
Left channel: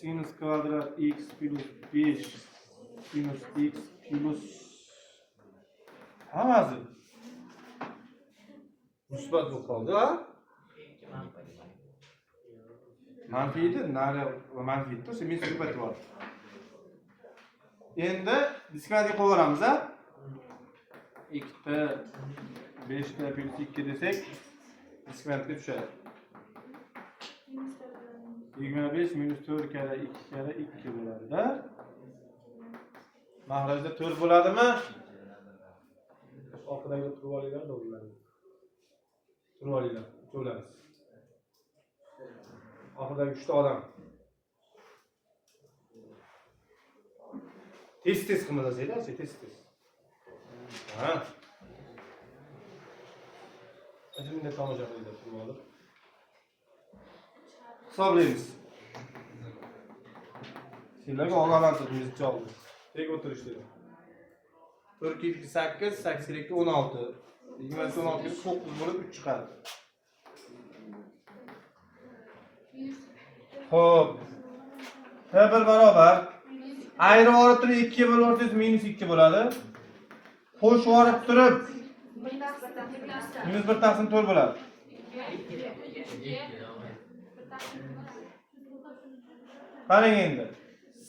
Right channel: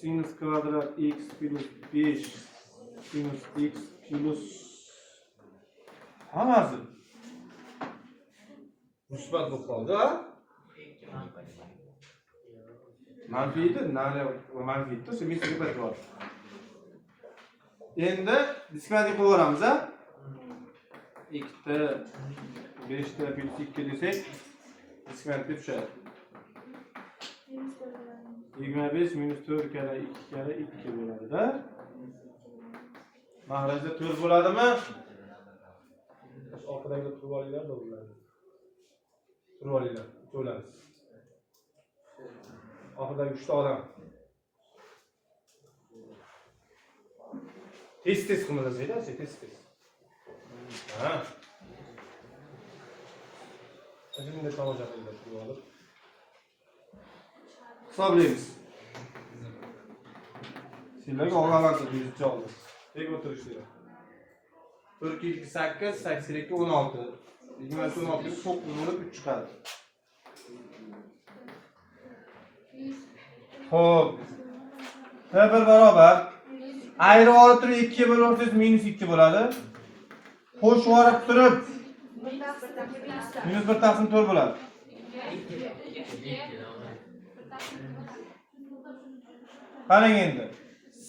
sinus kvadrat x plus 5 sinus x plus hammasi musbat bo'lib qoldi, ha? Manfiydi, nari manfiydi, shu musbat bor. Endi diskriminativ qo'yamiz, ha? 2 ta 5 ta plus 2 desak diskriminativ tushadi. 25 minus 4 kere 2 kere 2 bo'ladi da. Mahrajda 4 bo'ladimi? Orqadagi turib olinglar, bo'ladi. Turib olinglar, to'lamiz. Orqadagi 3 ta odam. Tez qilmasanglar, tez. Ha. Elimde kalacak elbette turib olib. Hisoblaymiz. Sizlarga og'alantir bizcha oldi. Tek o'tirishdi. 4 2 8 8 2 16. 16 9 bo'lib 3 chiqadi. Xo'p. Bir barobar. Ayrib olib turib 2 ga bo'lib o'rsangiz minus 2 bo'ladi. Qo'shib olib turib minus 1 taqsim 4 bo'ladi. Qarang endi.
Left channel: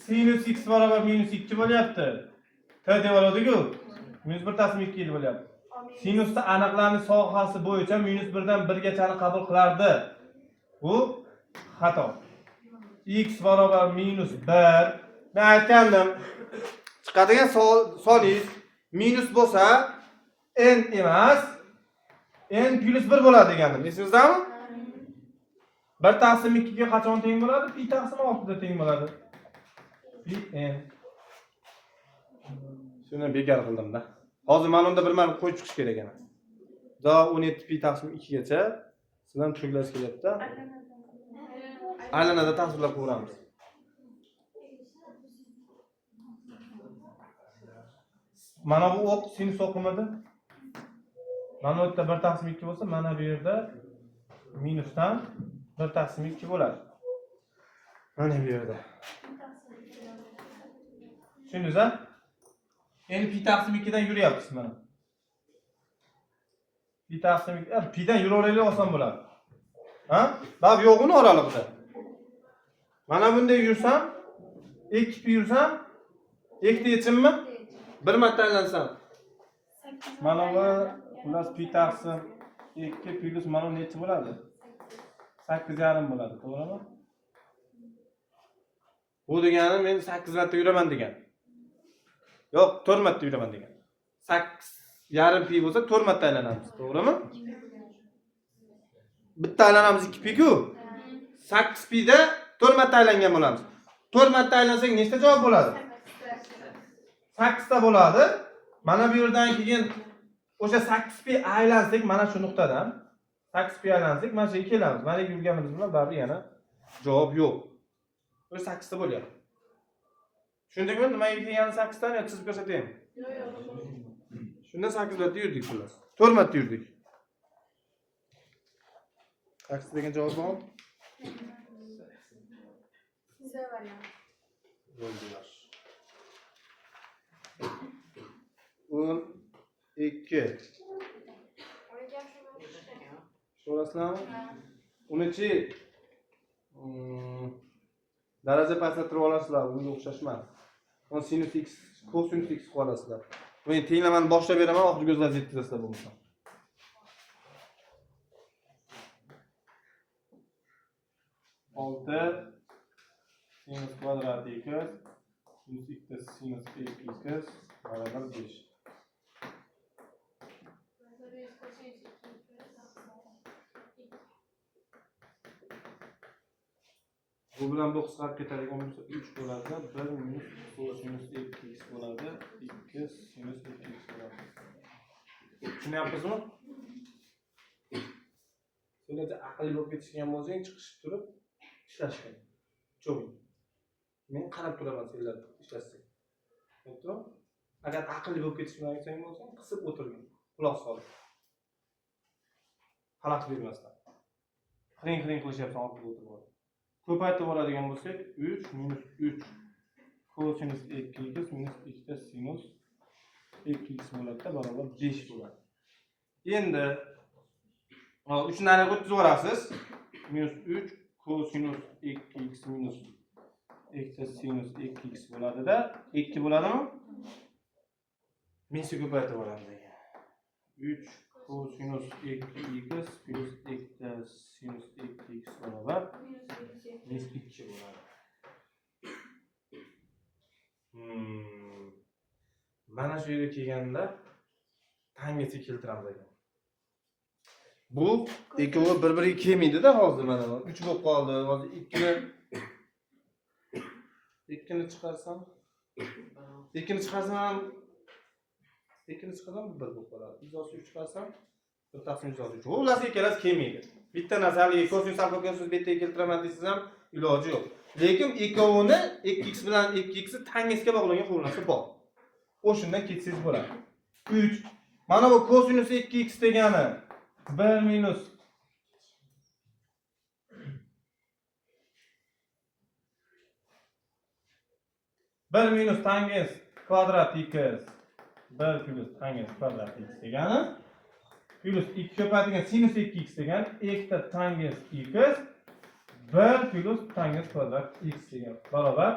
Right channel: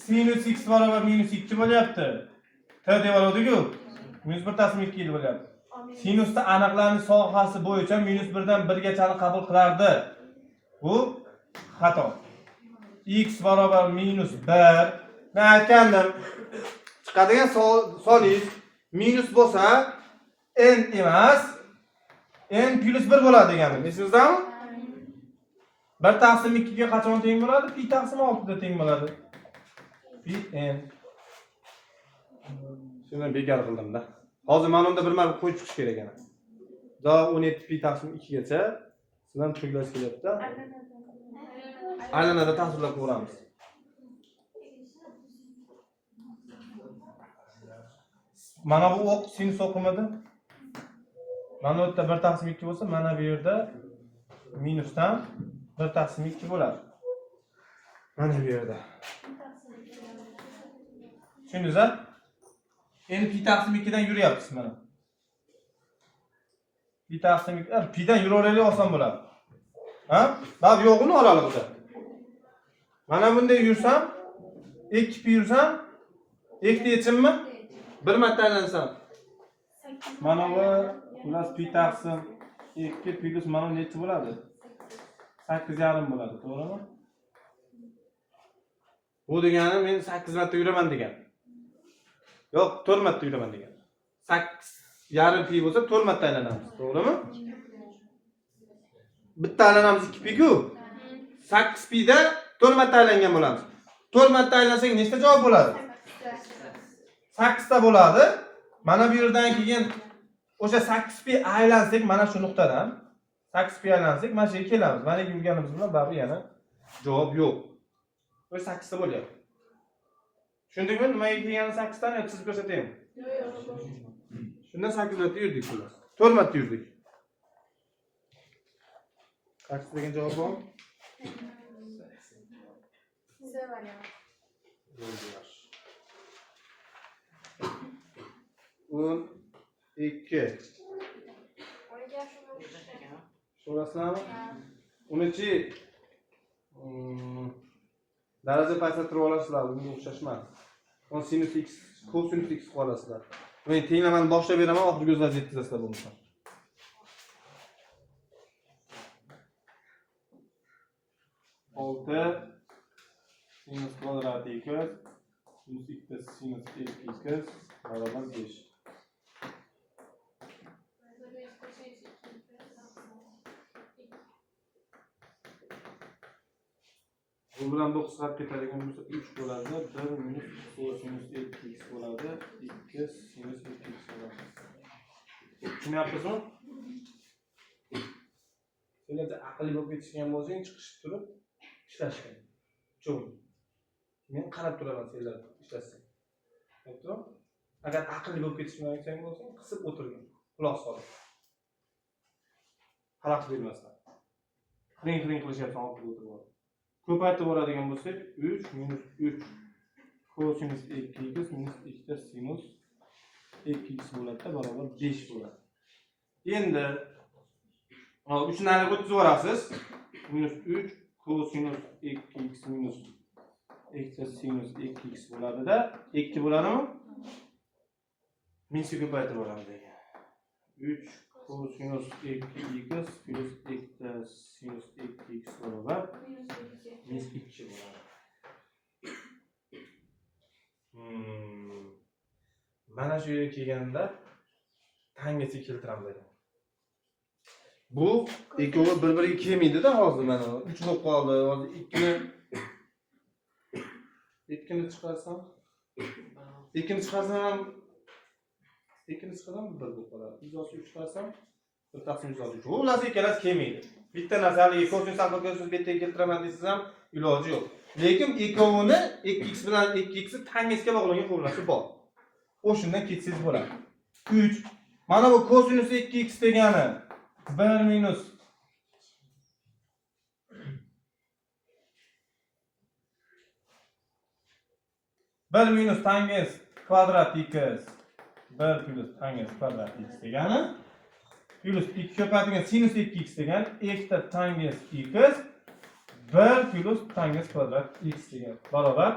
Sinus x barobar minus 2 bo'lyapti. T deb oladiku. Minus 1 taqsim 2 deb bo'lyapti. Sinusda aniqlanish sohasi bo'yicha minus 1 dan 1 gachani qabul qilardi. Bu xato. X barobar minus 1. Men aytgandim. Chiqadigan solingiz minus bo'lsa n emas, n plus 1 bo'ladi degandim. Esingizdami? 1 taqsim 2 ga qachon teng bo'ladi? Pi taqsim 6 da teng bo'ladi. Pi n. Shuni bekor qildim-da. Hozir mana unda bir marta qo'yib chiqish kerak ekan. Da 17 pi taqsim 2 gacha sizdan tushunlasi kelyapti. Aylanada tasvirlab ko'ramiz. Mana bu o'q sinus o'qimida. Mana bu yerda 1 taqsim 2 bo'lsa, mana bu yerda minusdan 1 taqsim 2 bo'ladi. Mana bu yerda. Tushundingiz-a? Endi pi taqsim 2 dan yuryapsiz mana. Pi taqsim 2, pi dan yuraveraylik oson bo'ladi. Ha? Bab yo'g'ini oralig'ida. Mana bunday yursam, 2 pi yursam, 2 yechimmi? Bir marta aylansam. Mana bu plus pi taqsim 2 plus mana necha bo'ladi? 8,5 bo'ladi, to'g'rimi? Bu degani men 8 marta yuraman degan. Yo'q, 4 marta yuraman degan. 8,5 pi bo'lsa 4 marta aylanamiz, to'g'rimi? Bitta aylanamiz 2 pi-ku. 8 pi da 4 marta aylangan bo'lamiz. 4 marta aylansak nechta javob bo'ladi? 8 ta bo'ladi. Mana bu yerdan keyin o'sha 8 pi aylansak, mana shu nuqtadan 8 pi aylansak, mana shu yerga kelamiz. Mana bu yurganimiz bilan baribir yana javob yo'q. O'sha 8 ta bo'lyapti. Tushundingmi? Nimaga kelgani 8 tani chizib ko'rsataymi? Shunda 8 marta yurdik xullas. 4 marta yurdik. Taksi degan javob bormi? C varianti. Bo'ldilar. 12. So'rasizlarmi? Unichi daraja pasaytirib olasizlar, bunga o'xshash emas. On sinus x, cosinus x olasizlar. Men tenglamani boshlab beraman, oxirgi o'zlaringiz yetkazasizlar bo'lmasa. 6 sinus kvadrat equals sinus x sinus x equals barabar 5. Bu bilan 9 qisqarib ketadigan bo'lsa 3 bo'ladi. 1 minus cosinus x bo'ladi. 2 sinus x bo'ladi. Tushunyapsizmi? Sizlarga aqlli bo'lib ketishgan bo'lsang, chiqishib turib ishlash kerak. Cho'ng. Men qarab turaman sizlar ishlashsa. To'g'ri? Agar aqlli bo'lib ketishmayotgan bo'lsang, qisib o'tirgin. Quloq solib. Xalaqit bermasdan. Qiring qilishyapsan, ortga o'tirib. Ko'paytirib oladigan bo'lsak, 3 minus 3 cosinus 2x minus 2 sinus 2x bo'ladi, barobar 5 bo'ladi. Endi 3 ni nariga o'tkazib yuborasiz. Minus 3 cosinus 2x minus 2 sinus 2x bo'ladi-da, 2 bo'ladimi? Minusga ko'paytirib olamiz degan. 3 cosinus 2x plus 2 sinus 2x barobar minus 2 bo'ladi. Mana shu yerga kelganda tanggacha keltiramiz ekan. Bu ikkovi bir-biriga kelmaydi-da hozir mana 3 bo'lib qoldi. Hozir 2 ni chiqarsam 2 ni chiqarsam 1 bo'lib qoladi. 103 chiqarsam 1 taqsim 103. Bu ular ikkalasi kelmaydi. Bitta narsani kosinus alfa kosinus beta keltiraman desangiz ham iloji yo'q. Lekin ikkovini 2x bilan 2x tangesga bog'langan formulasi bor. O'shundan ketsangiz bo'ladi. 3. Mana bu cosinus 2x degani 1 minus tangens kvadrat x 1 plus tangens kvadrat x degani plus 2 ko'paytirgan sinus 2x degani 2 tangens x 1 plus tangens kvadrat x degani barobar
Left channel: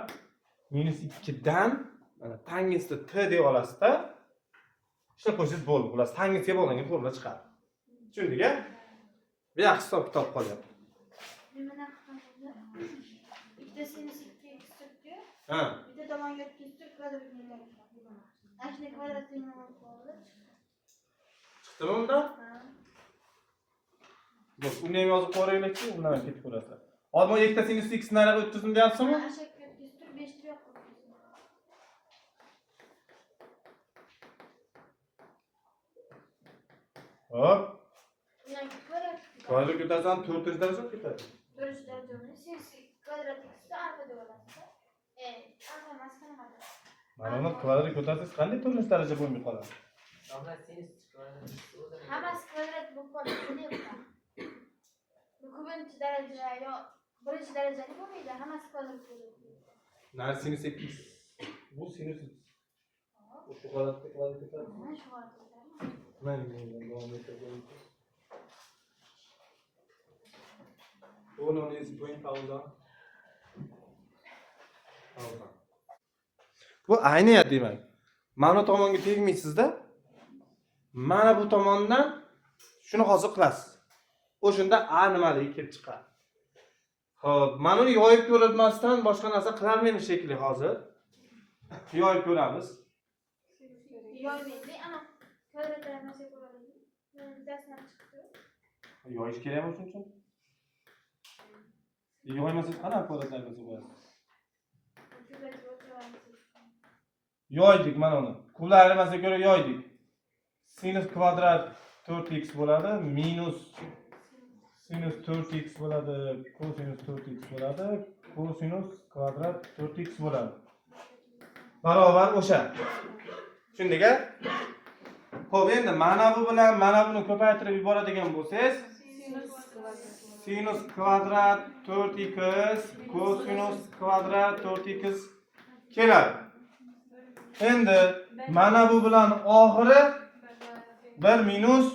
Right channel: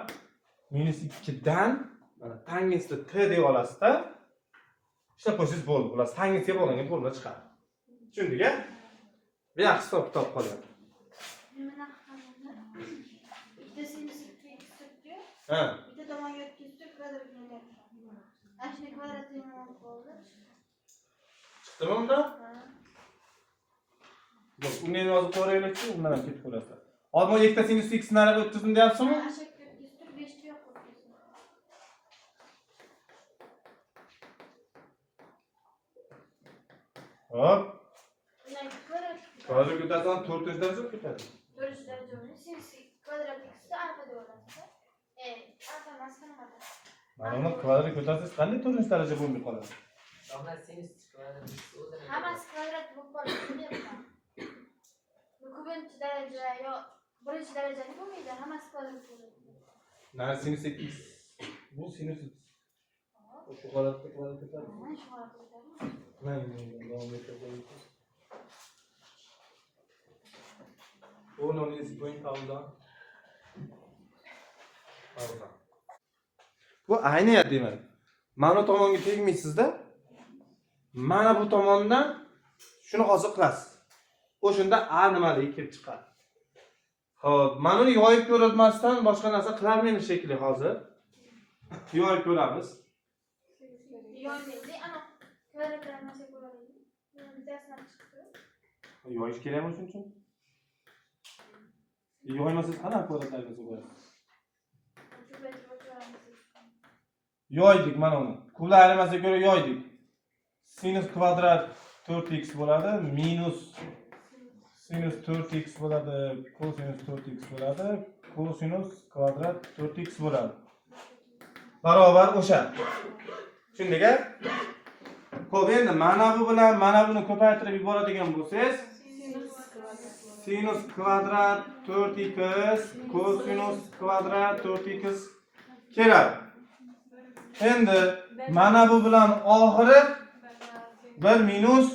minus 2 dan tangensni t deb olasizda ishlab qo'ysangiz bo'ldi. Bular tangensga bog'langan formula chiqadi. Tushundingmi? Bu yaxshi hisob-kitob qiladi. Bitta sinus 2x turibdi. Ha. Bitta tomonga o'tkazib kvadratni. Ashni kvadratini olib. Chiqdimi undan? Bak, uni ham yozib qo'yaylik-chi, undan ham ketib qolasizlar. Hozir bu ikkita sinus x nariga o'tkazdim deyapsizmi? Ashni o'tkazib 5 ta yo'q qo'ydim. Hop. Kvadrat ko'tarsam 4 daraja ketadi. 4 daraja sinus kvadrat x alfa deb olasiz. Alfa maskan qiladi. Mana uni kvadrat ko'tarsangiz qanday 4 daraja bo'lmay qoladi? Hammasi kvadrat bo'lib qoladi. Ko'pincha daraja yo birinchi darajani bo'lmaydi, hammasi kvadrat bo'ladi. Nar sinus x. Bu sinus x. Shu holatda kvadrat ko'taradi. Mana shu holatda. Mana davom etadi. O'rnini yozib qo'ying pauza. Bu ayniyat demak. Mana tomonga tegmaysizda. Mana bu tomondan shuni hozir qilasiz. O'shunda a nimaligi kelib chiqadi. Xo'p, mana uni yoyib ko'rmasdan boshqa narsa qilolmaymiz shekilli hozir. Yoyib ko'ramiz. Yoymaydi, ana kvadratlarni nasib ko'radi. Bittasidan chiqdi. Yoyish kerakmi shuning uchun? Yoymasangiz qanaqa kvadratlarga qo'yasiz? Yoydik mana uni. Kublar aylanmasiga ko'ra yoydik. Sinus kvadrat 4x bo'ladi, minus sinus 4x bo'ladi, cosinus 4x bo'ladi, cosinus kvadrat 4x bo'ladi. barobar o'sha. Tushundingmi? Xo'p, endi mana bu bilan mana buni ko'paytirib yuboradigan bo'lsangiz, sinus kvadrat 4x kosinus kvadrat 4x keladi. Endi mana bu bilan oxiri 1 minus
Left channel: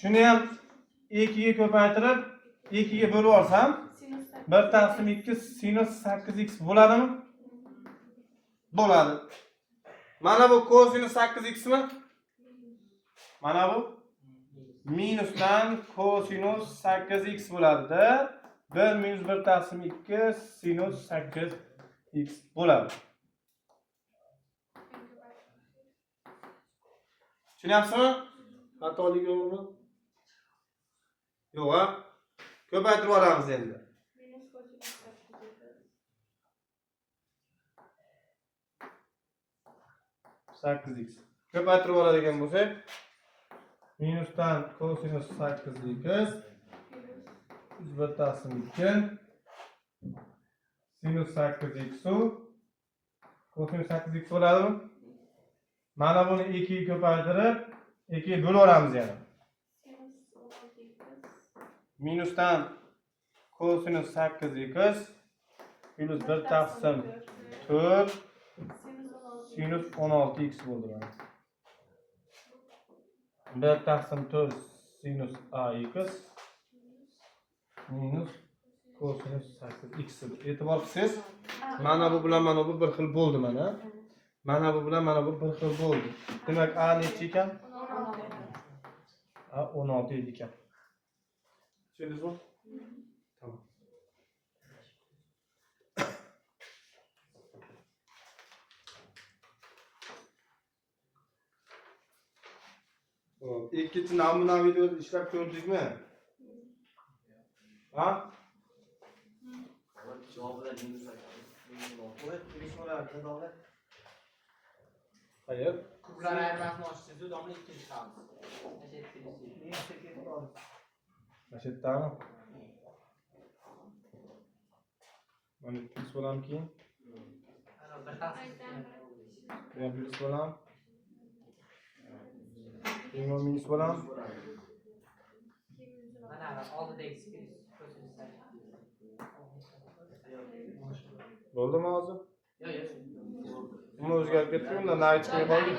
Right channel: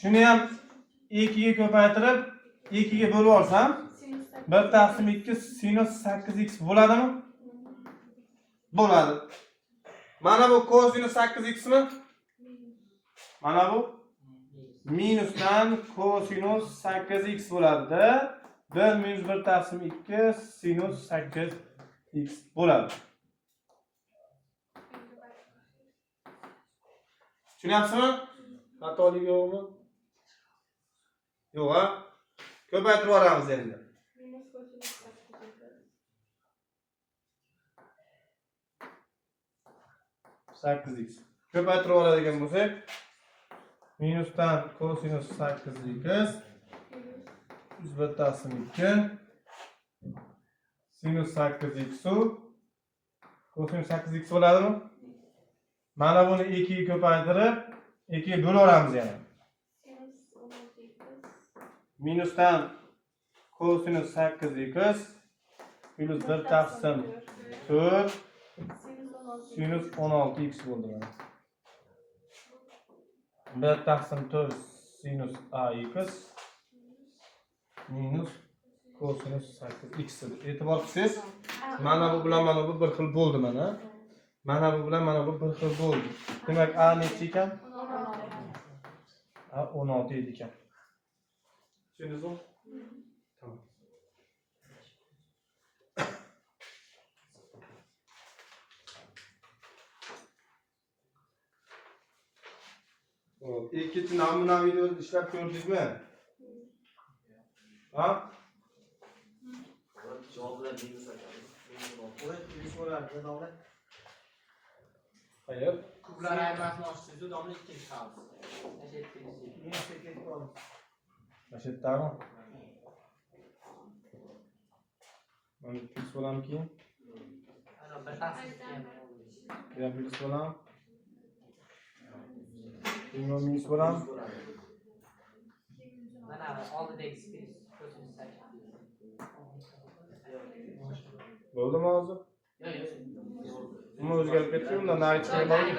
shuni ham 2 ga ko'paytirib 2 ga bo'lib olsam 1 taqsim 2 sinus 8x bo'ladimi? Bo'ladi. Mana bu kosinus 8x mi? Mana bu minusdan kosinus 8x bo'ladi-da. 1 minus 1 taqsim 2 sinus 8x bo'ladi. Tushunyapsizmi? Xatolik yo'qmi? Yo'q, ha? Ko'paytirib yuboramiz endi. Sakkiz x. Ko'paytirib oladigan bo'lsak, minusdan kosinus 8x 1 taqsim 2 sinus 8x kosinus 8x bo'ladimi? Mana buni 2 ga ko'paytirib 2 ga bo'laveramiz yana. Minusdan kosinus 8x plus 1 taqsim 4 sinus 16x bo'ldi. 1 taqsim 4 sinus ax minus kosinus 8x. E'tibor qilsangiz, mana bu bilan mana bu bir xil bo'ldi mana. Mana bu bilan mana bu bir xil bo'ldi. Demak, a necha ekan? 16. A 16 edi ekan. Tushundingizmi? Tamam. İkinci namuna videoda işlep gördük mü? Ha? Hayır. Kublar ayırmasını açtıydı, damla ikinci kaldı. Aşet tamam. Ben pis olam ki. Ben pis olam. Bilmem minus olam. Mana oldidagi spis ko'rsatib sakkiz. Bo'ldi mi hozir? Yo'q, yo'q. Nima o'zgarib ketdi? Undan nari chiqmaydi.